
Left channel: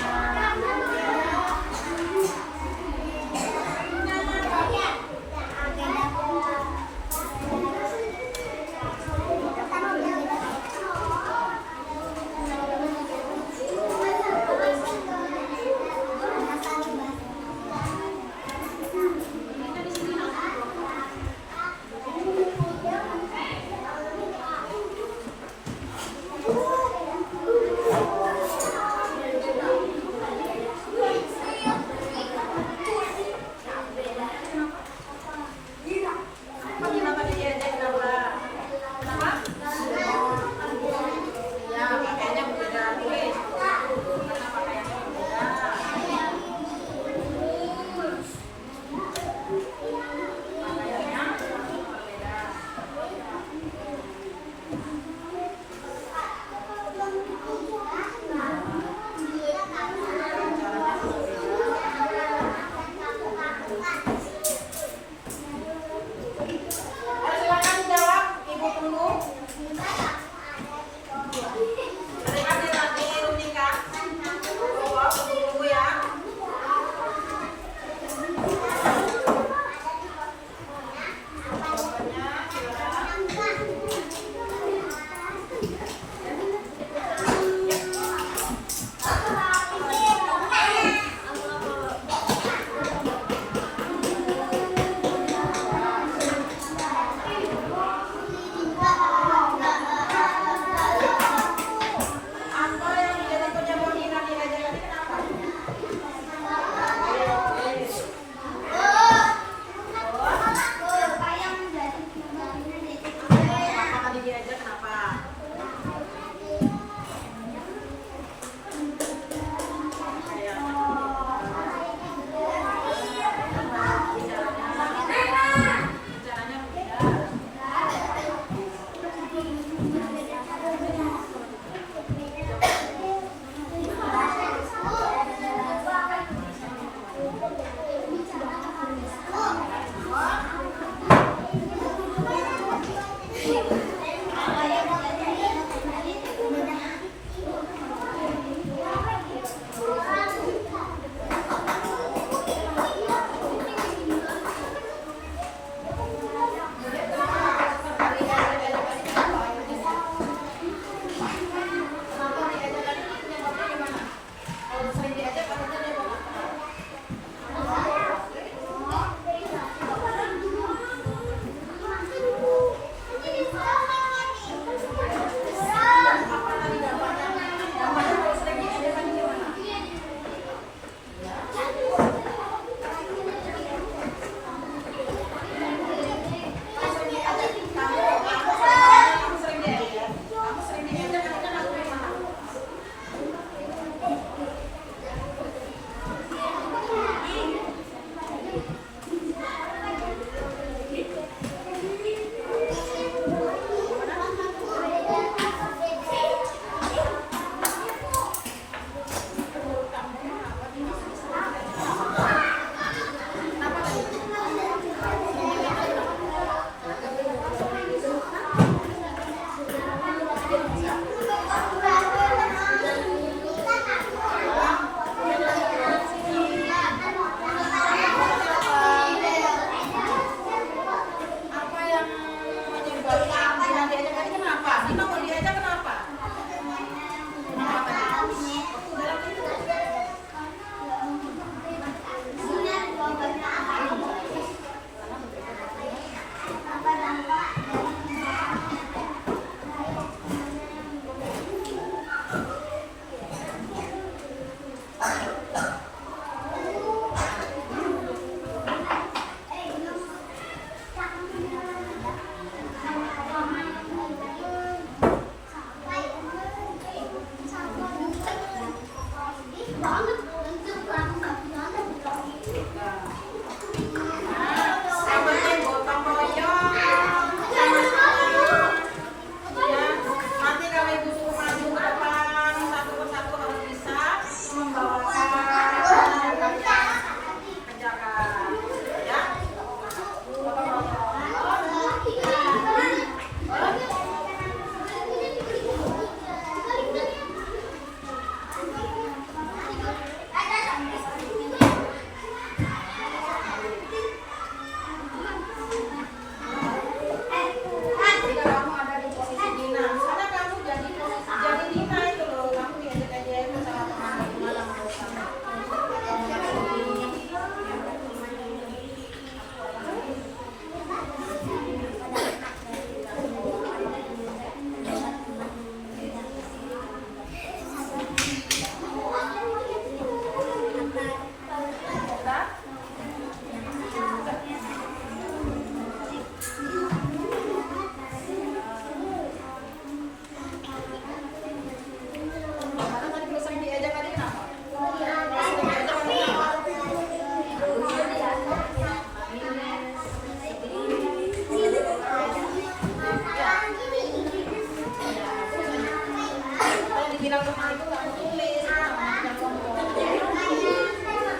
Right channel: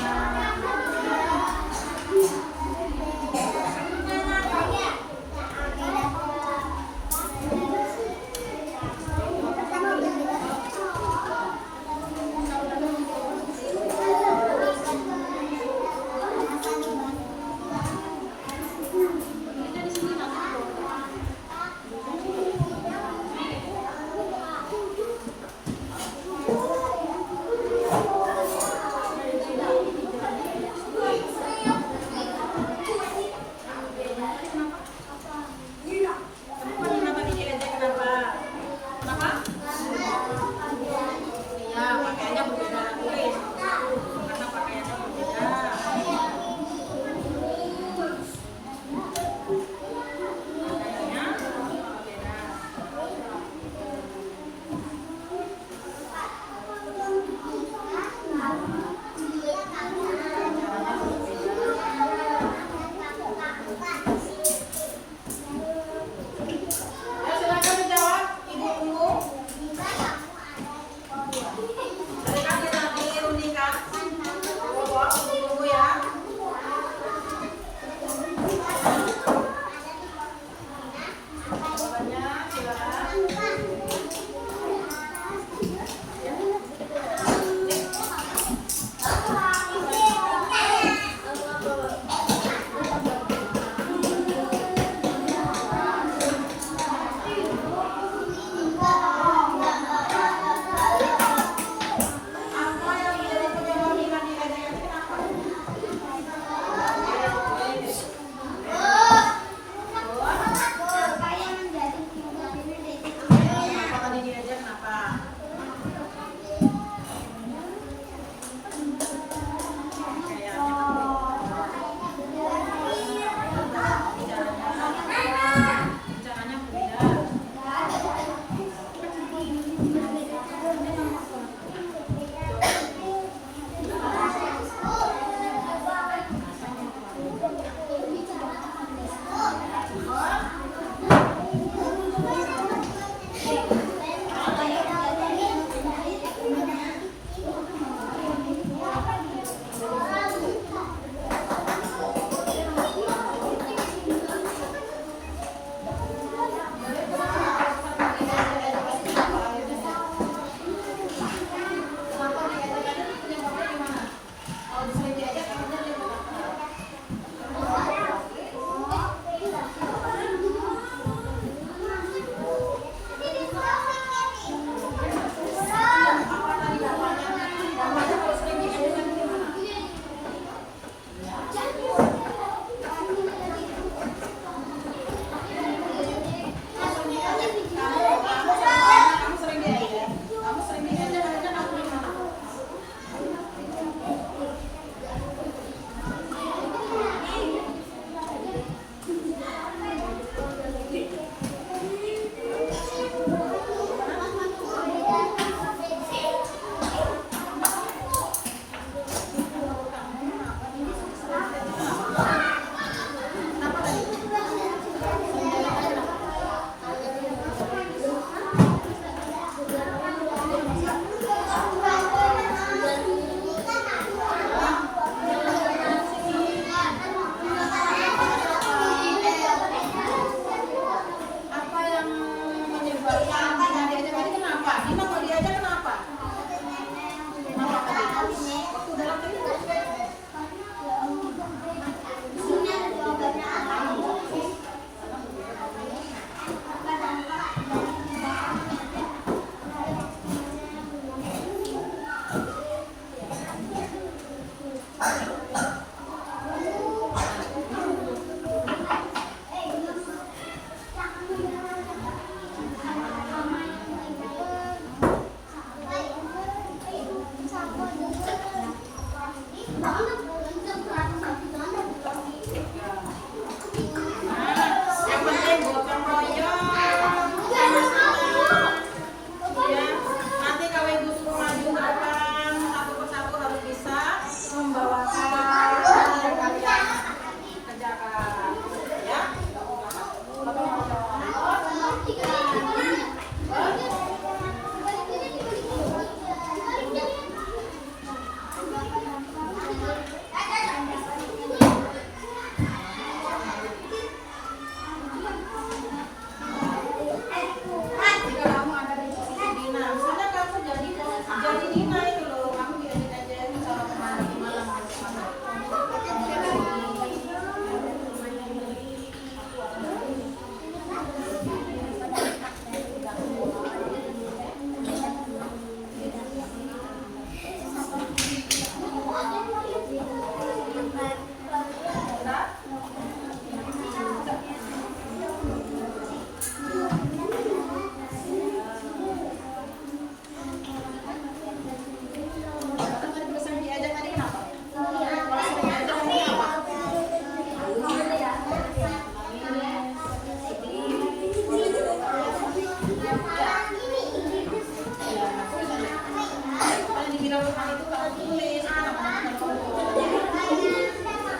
bilang rumah itu harus tulis, itu namanya bukan ngomong.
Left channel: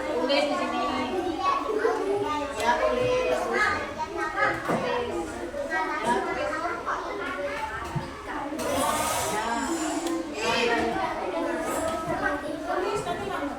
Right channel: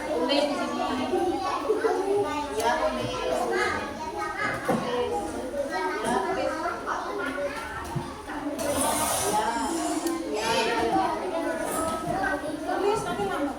Tulis di sini. Ya, tulis. Tulis tapi lama.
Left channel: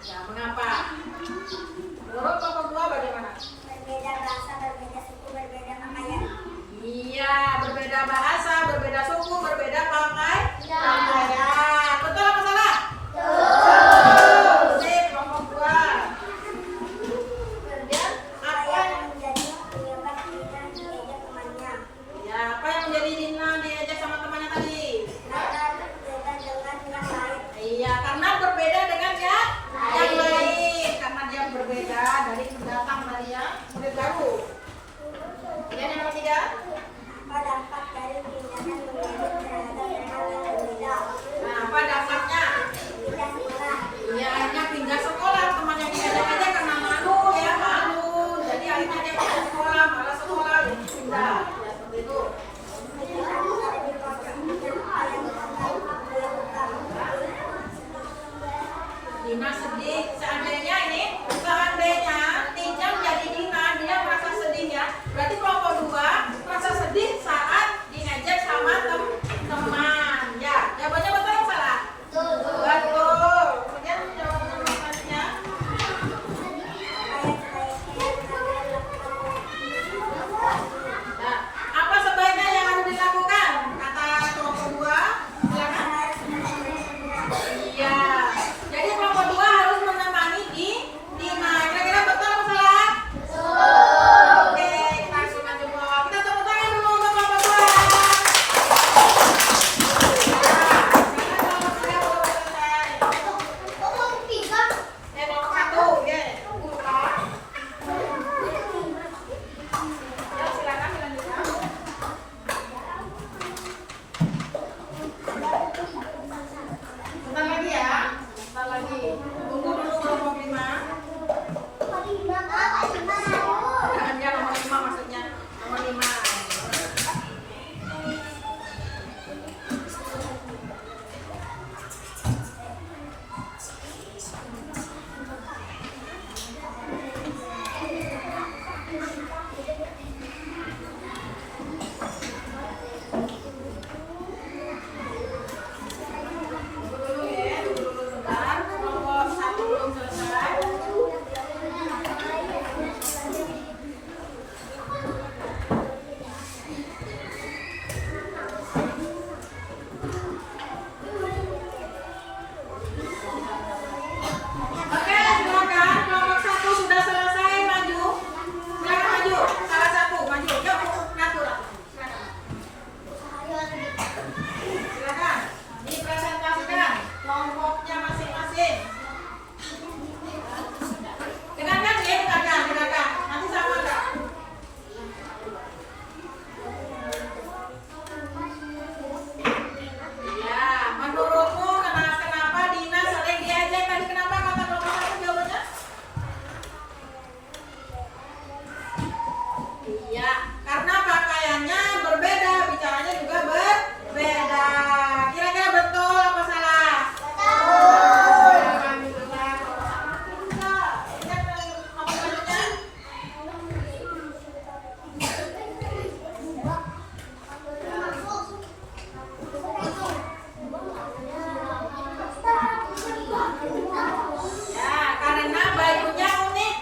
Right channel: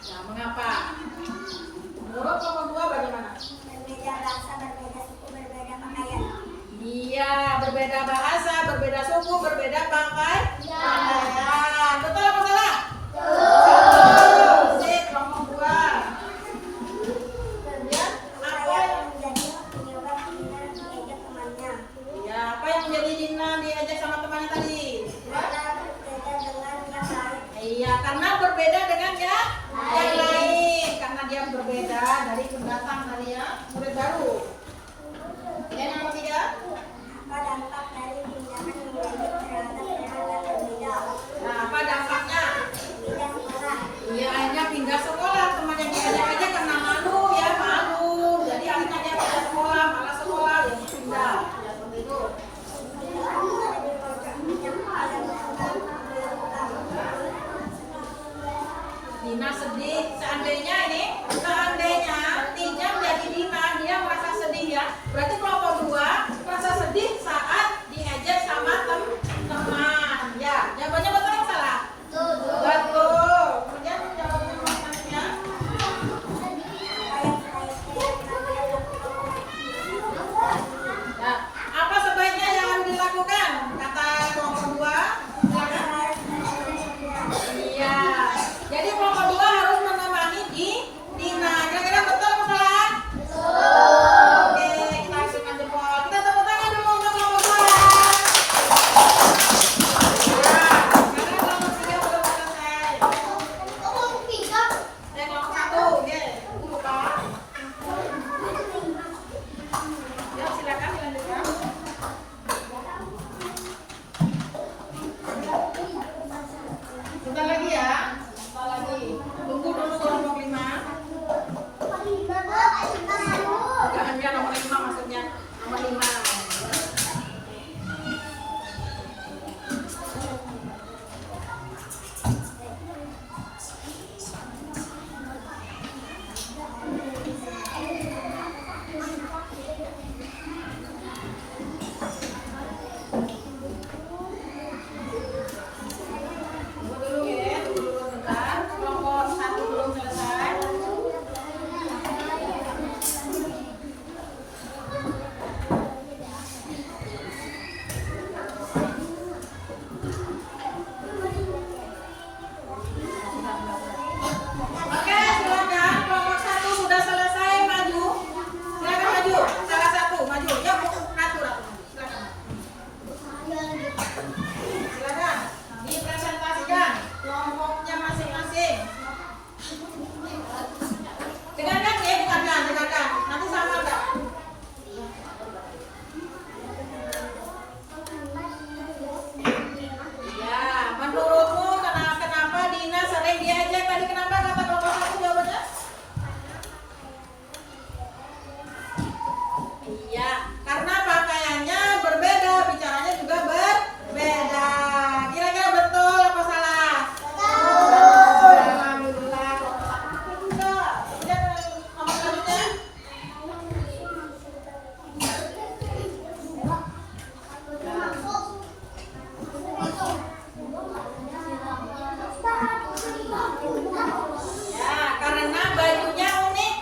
Ya, mengapa? Menurut kelompok 2 bagaimana? Berbeda bahasa, berbeda suku, berbeda pakaian. Iya, berbeda bahasa, berbeda suku, berbeda pakaian. Betul apa salah? Betul. Sip, kelompok 2. Kemudian apa yang menjadi penyebab Dina diejek temannya? ya, apa yang menjadi Dina diajak sama temannya tadi? Karena berbeda dengan yang lain. Iya, karena berbeda dengan yang lain. Karena dia berbeda dari pendatang dari yang murid baru. Kemudian yang ketiga, Apa dampak dari tindakan mengejek terhadap teman yang berbeda? nah apa dampaknya? Pindah sekolah. Iya, akhirnya pindah sekolah. Teman yang diajak aja karena malu ya, malu. Jadi akhirnya dia pindah sekolah, malah sekolah ya pindah. Ya seperti itu. Dina sedih. Seandainya Tijang jadi Dina, dia merasa sedih ya. Berarti kelompok 2 merasa sedih saat diajak sama teman. Ya, jawabannya betul atau salah? Betul. Kemudian jawaban selanjutnya. Nah, apa sebaiknya yang harus dilakukan? Kata kelompok 2. Silakan. Iya. Jadi kelompok 2 harus menemani Dina. Kira-kira betul apa salah? Betul. Oke, kita kasihkan jempol. Kita tepuk tangan dulu untuk kelompok 2. Sekarang kelompok 3 belum selesai. Kelompok 1, ya. Lupa. Ya, silakan dilanjutkan. Bentar lagi ya. Bentar lagi. Tunggu dulu kelompok 5. Enggak, nomor 5 maksudnya. Nomor 5. Tunggu dulu ya, tunggu dulu bentar. Kelompok 1 belum selesai. Oke, silakan. Kelompok 1 sudah selesai, maju. Silakan maju. Salah satu, maju. Ya, ratu. Silakan. Silakan. Dipresentasikan kelompoknya masing-masing. Dengarkan ya, dengarkan. Nanti sama enggak? Iya, menurutmu kenapa Dina sering diajak tadi? Kenapa kata kelompok 1 jawabannya? Iya, karena pakaiannya berbeda, bicaranya juga berbeda. Kira-kira betul apa salah? Betul. Alhamdulillah. Kelompok 1 betul juga. Kemudian nomor selanjutnya. Ya, karena bajunya unik.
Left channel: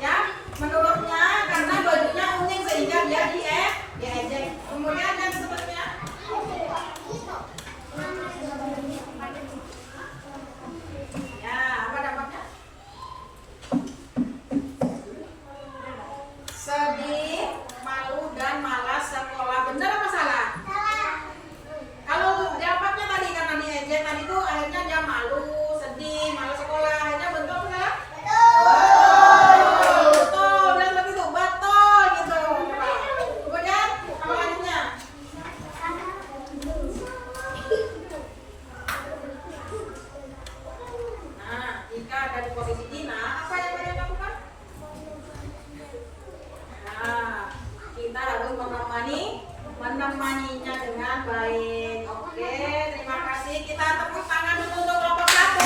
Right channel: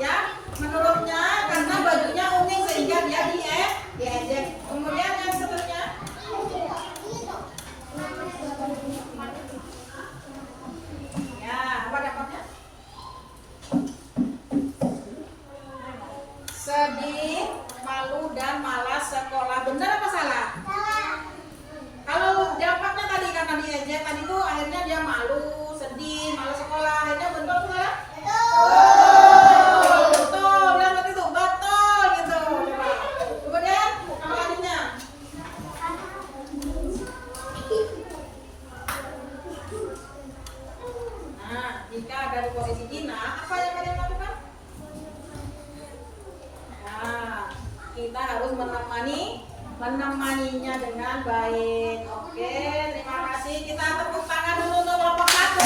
Ya, menurutnya karena bajunya unik sehingga dia diejek. Kemudian yang seterusnya. Ya, apa dampaknya? Sedih, malu dan malas sekolah. Benar apa salah? Kalau dampaknya tadi karena diejek tadi tuh akhirnya dia malu, sedih, malas sekolah. Akhirnya betul apa salah? Betul, benar seperti itu, betul gitu. Kemudian selanjutnya. Nah, jika ada di posisi Dina, apa yang kalian lakukan? Nah, kita harus menemaninya dengan baik. Oke, terima kasih. Kita tepuk tangan dulu untuk kelompok 1.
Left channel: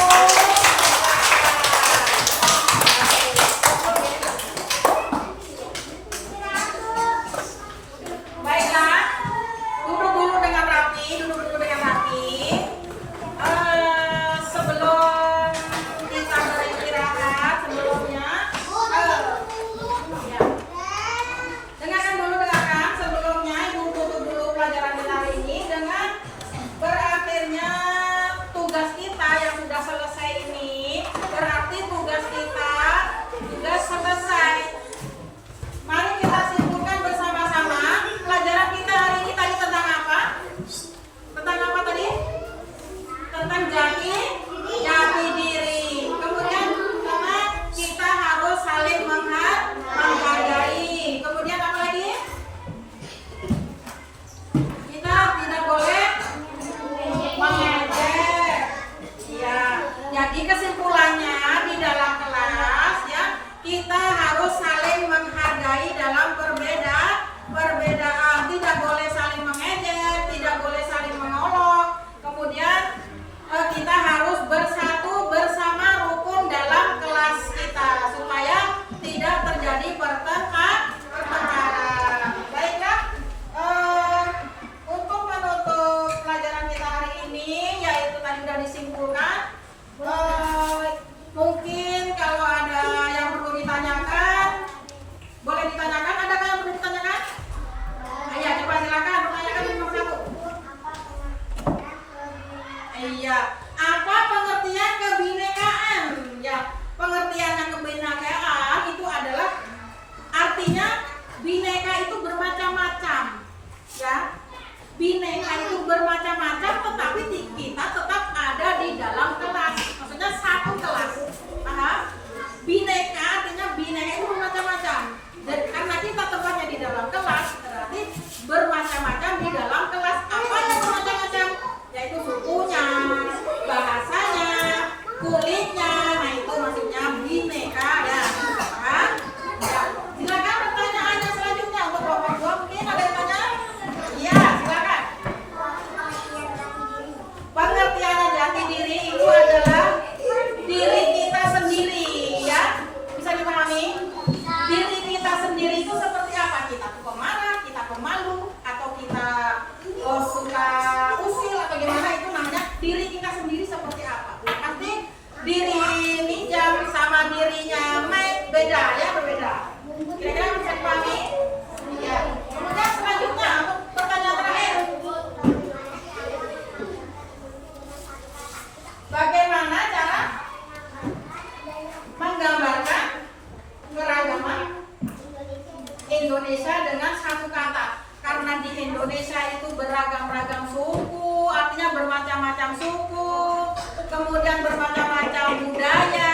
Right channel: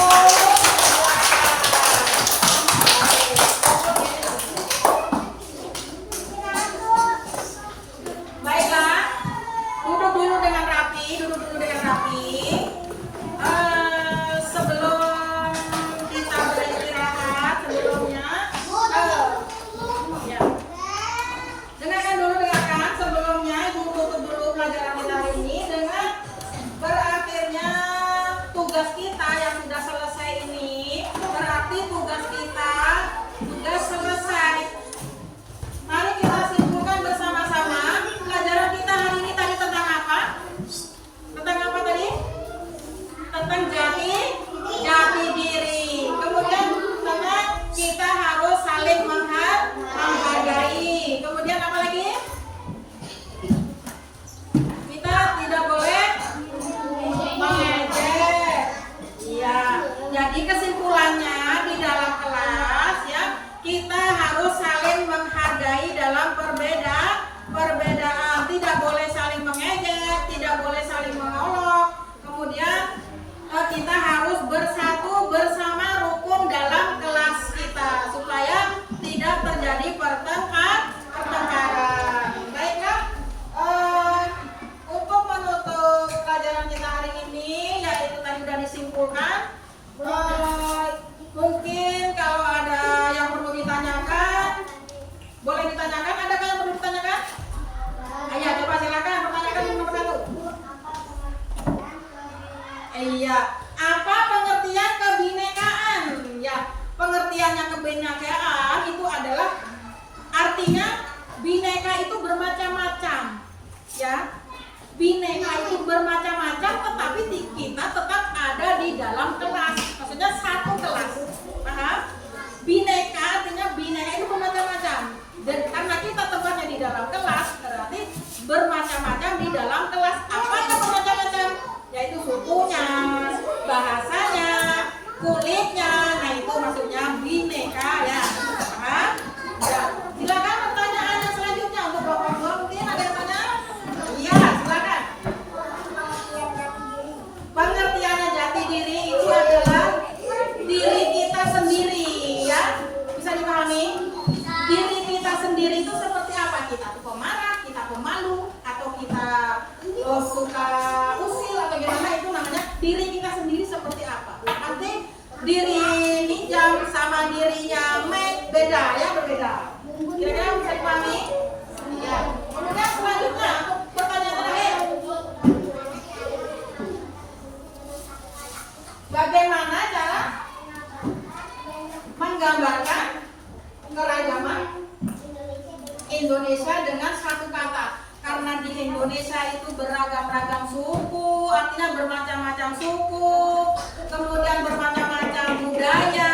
Baiklah, duduk dulu dengan rapi. Sebelum kita beristirahat pengertiannya kebinekaan itu adalah artinya bineka itu bermacam-macam, ya. Bineka itu bermacam-macam, tetapi kita tetap ada di dalam kelas. Maksudnya satu kelas. Paham? Bineka artinya bineka itu bermacam-macam. Dan karena kita tempatnya di dalam kelas, berarti bermacam-macam di dalam kelas. Apa yang bermacam-macam? Yaitu sukunya, bahasanya, kulitnya. Nah itu maksudnya bineka, ya. Paham? Ya. Silakan pertanyaan yang selanjutnya untuk bapak-bapak, mungkin ada yang tanya? Iya, silakan. Pengertiannya jati diri itu adalah diri kita sendiri, ya. Bisa dipahami? Diri kita sendiri itu seperti apa? Kita tuh pemarah, kita pemalu, atau kita suka usil atau gimana, itu namanya diri kita sendiri seperti apa. Nanti diri Mijam sama dirinya Mike beda, ya, berbeda. Kira-kira bisa dipahami? Ya. Kemudian selanjutnya untuk pertanyaan terakhir. Bagaimana cara menggambarkan keragaman Indonesia dengan satu kata? Karena di Indonesia itu beragam-ragam suku, artinya bermacam-macam suku, kemudian bermacam-macam budaya,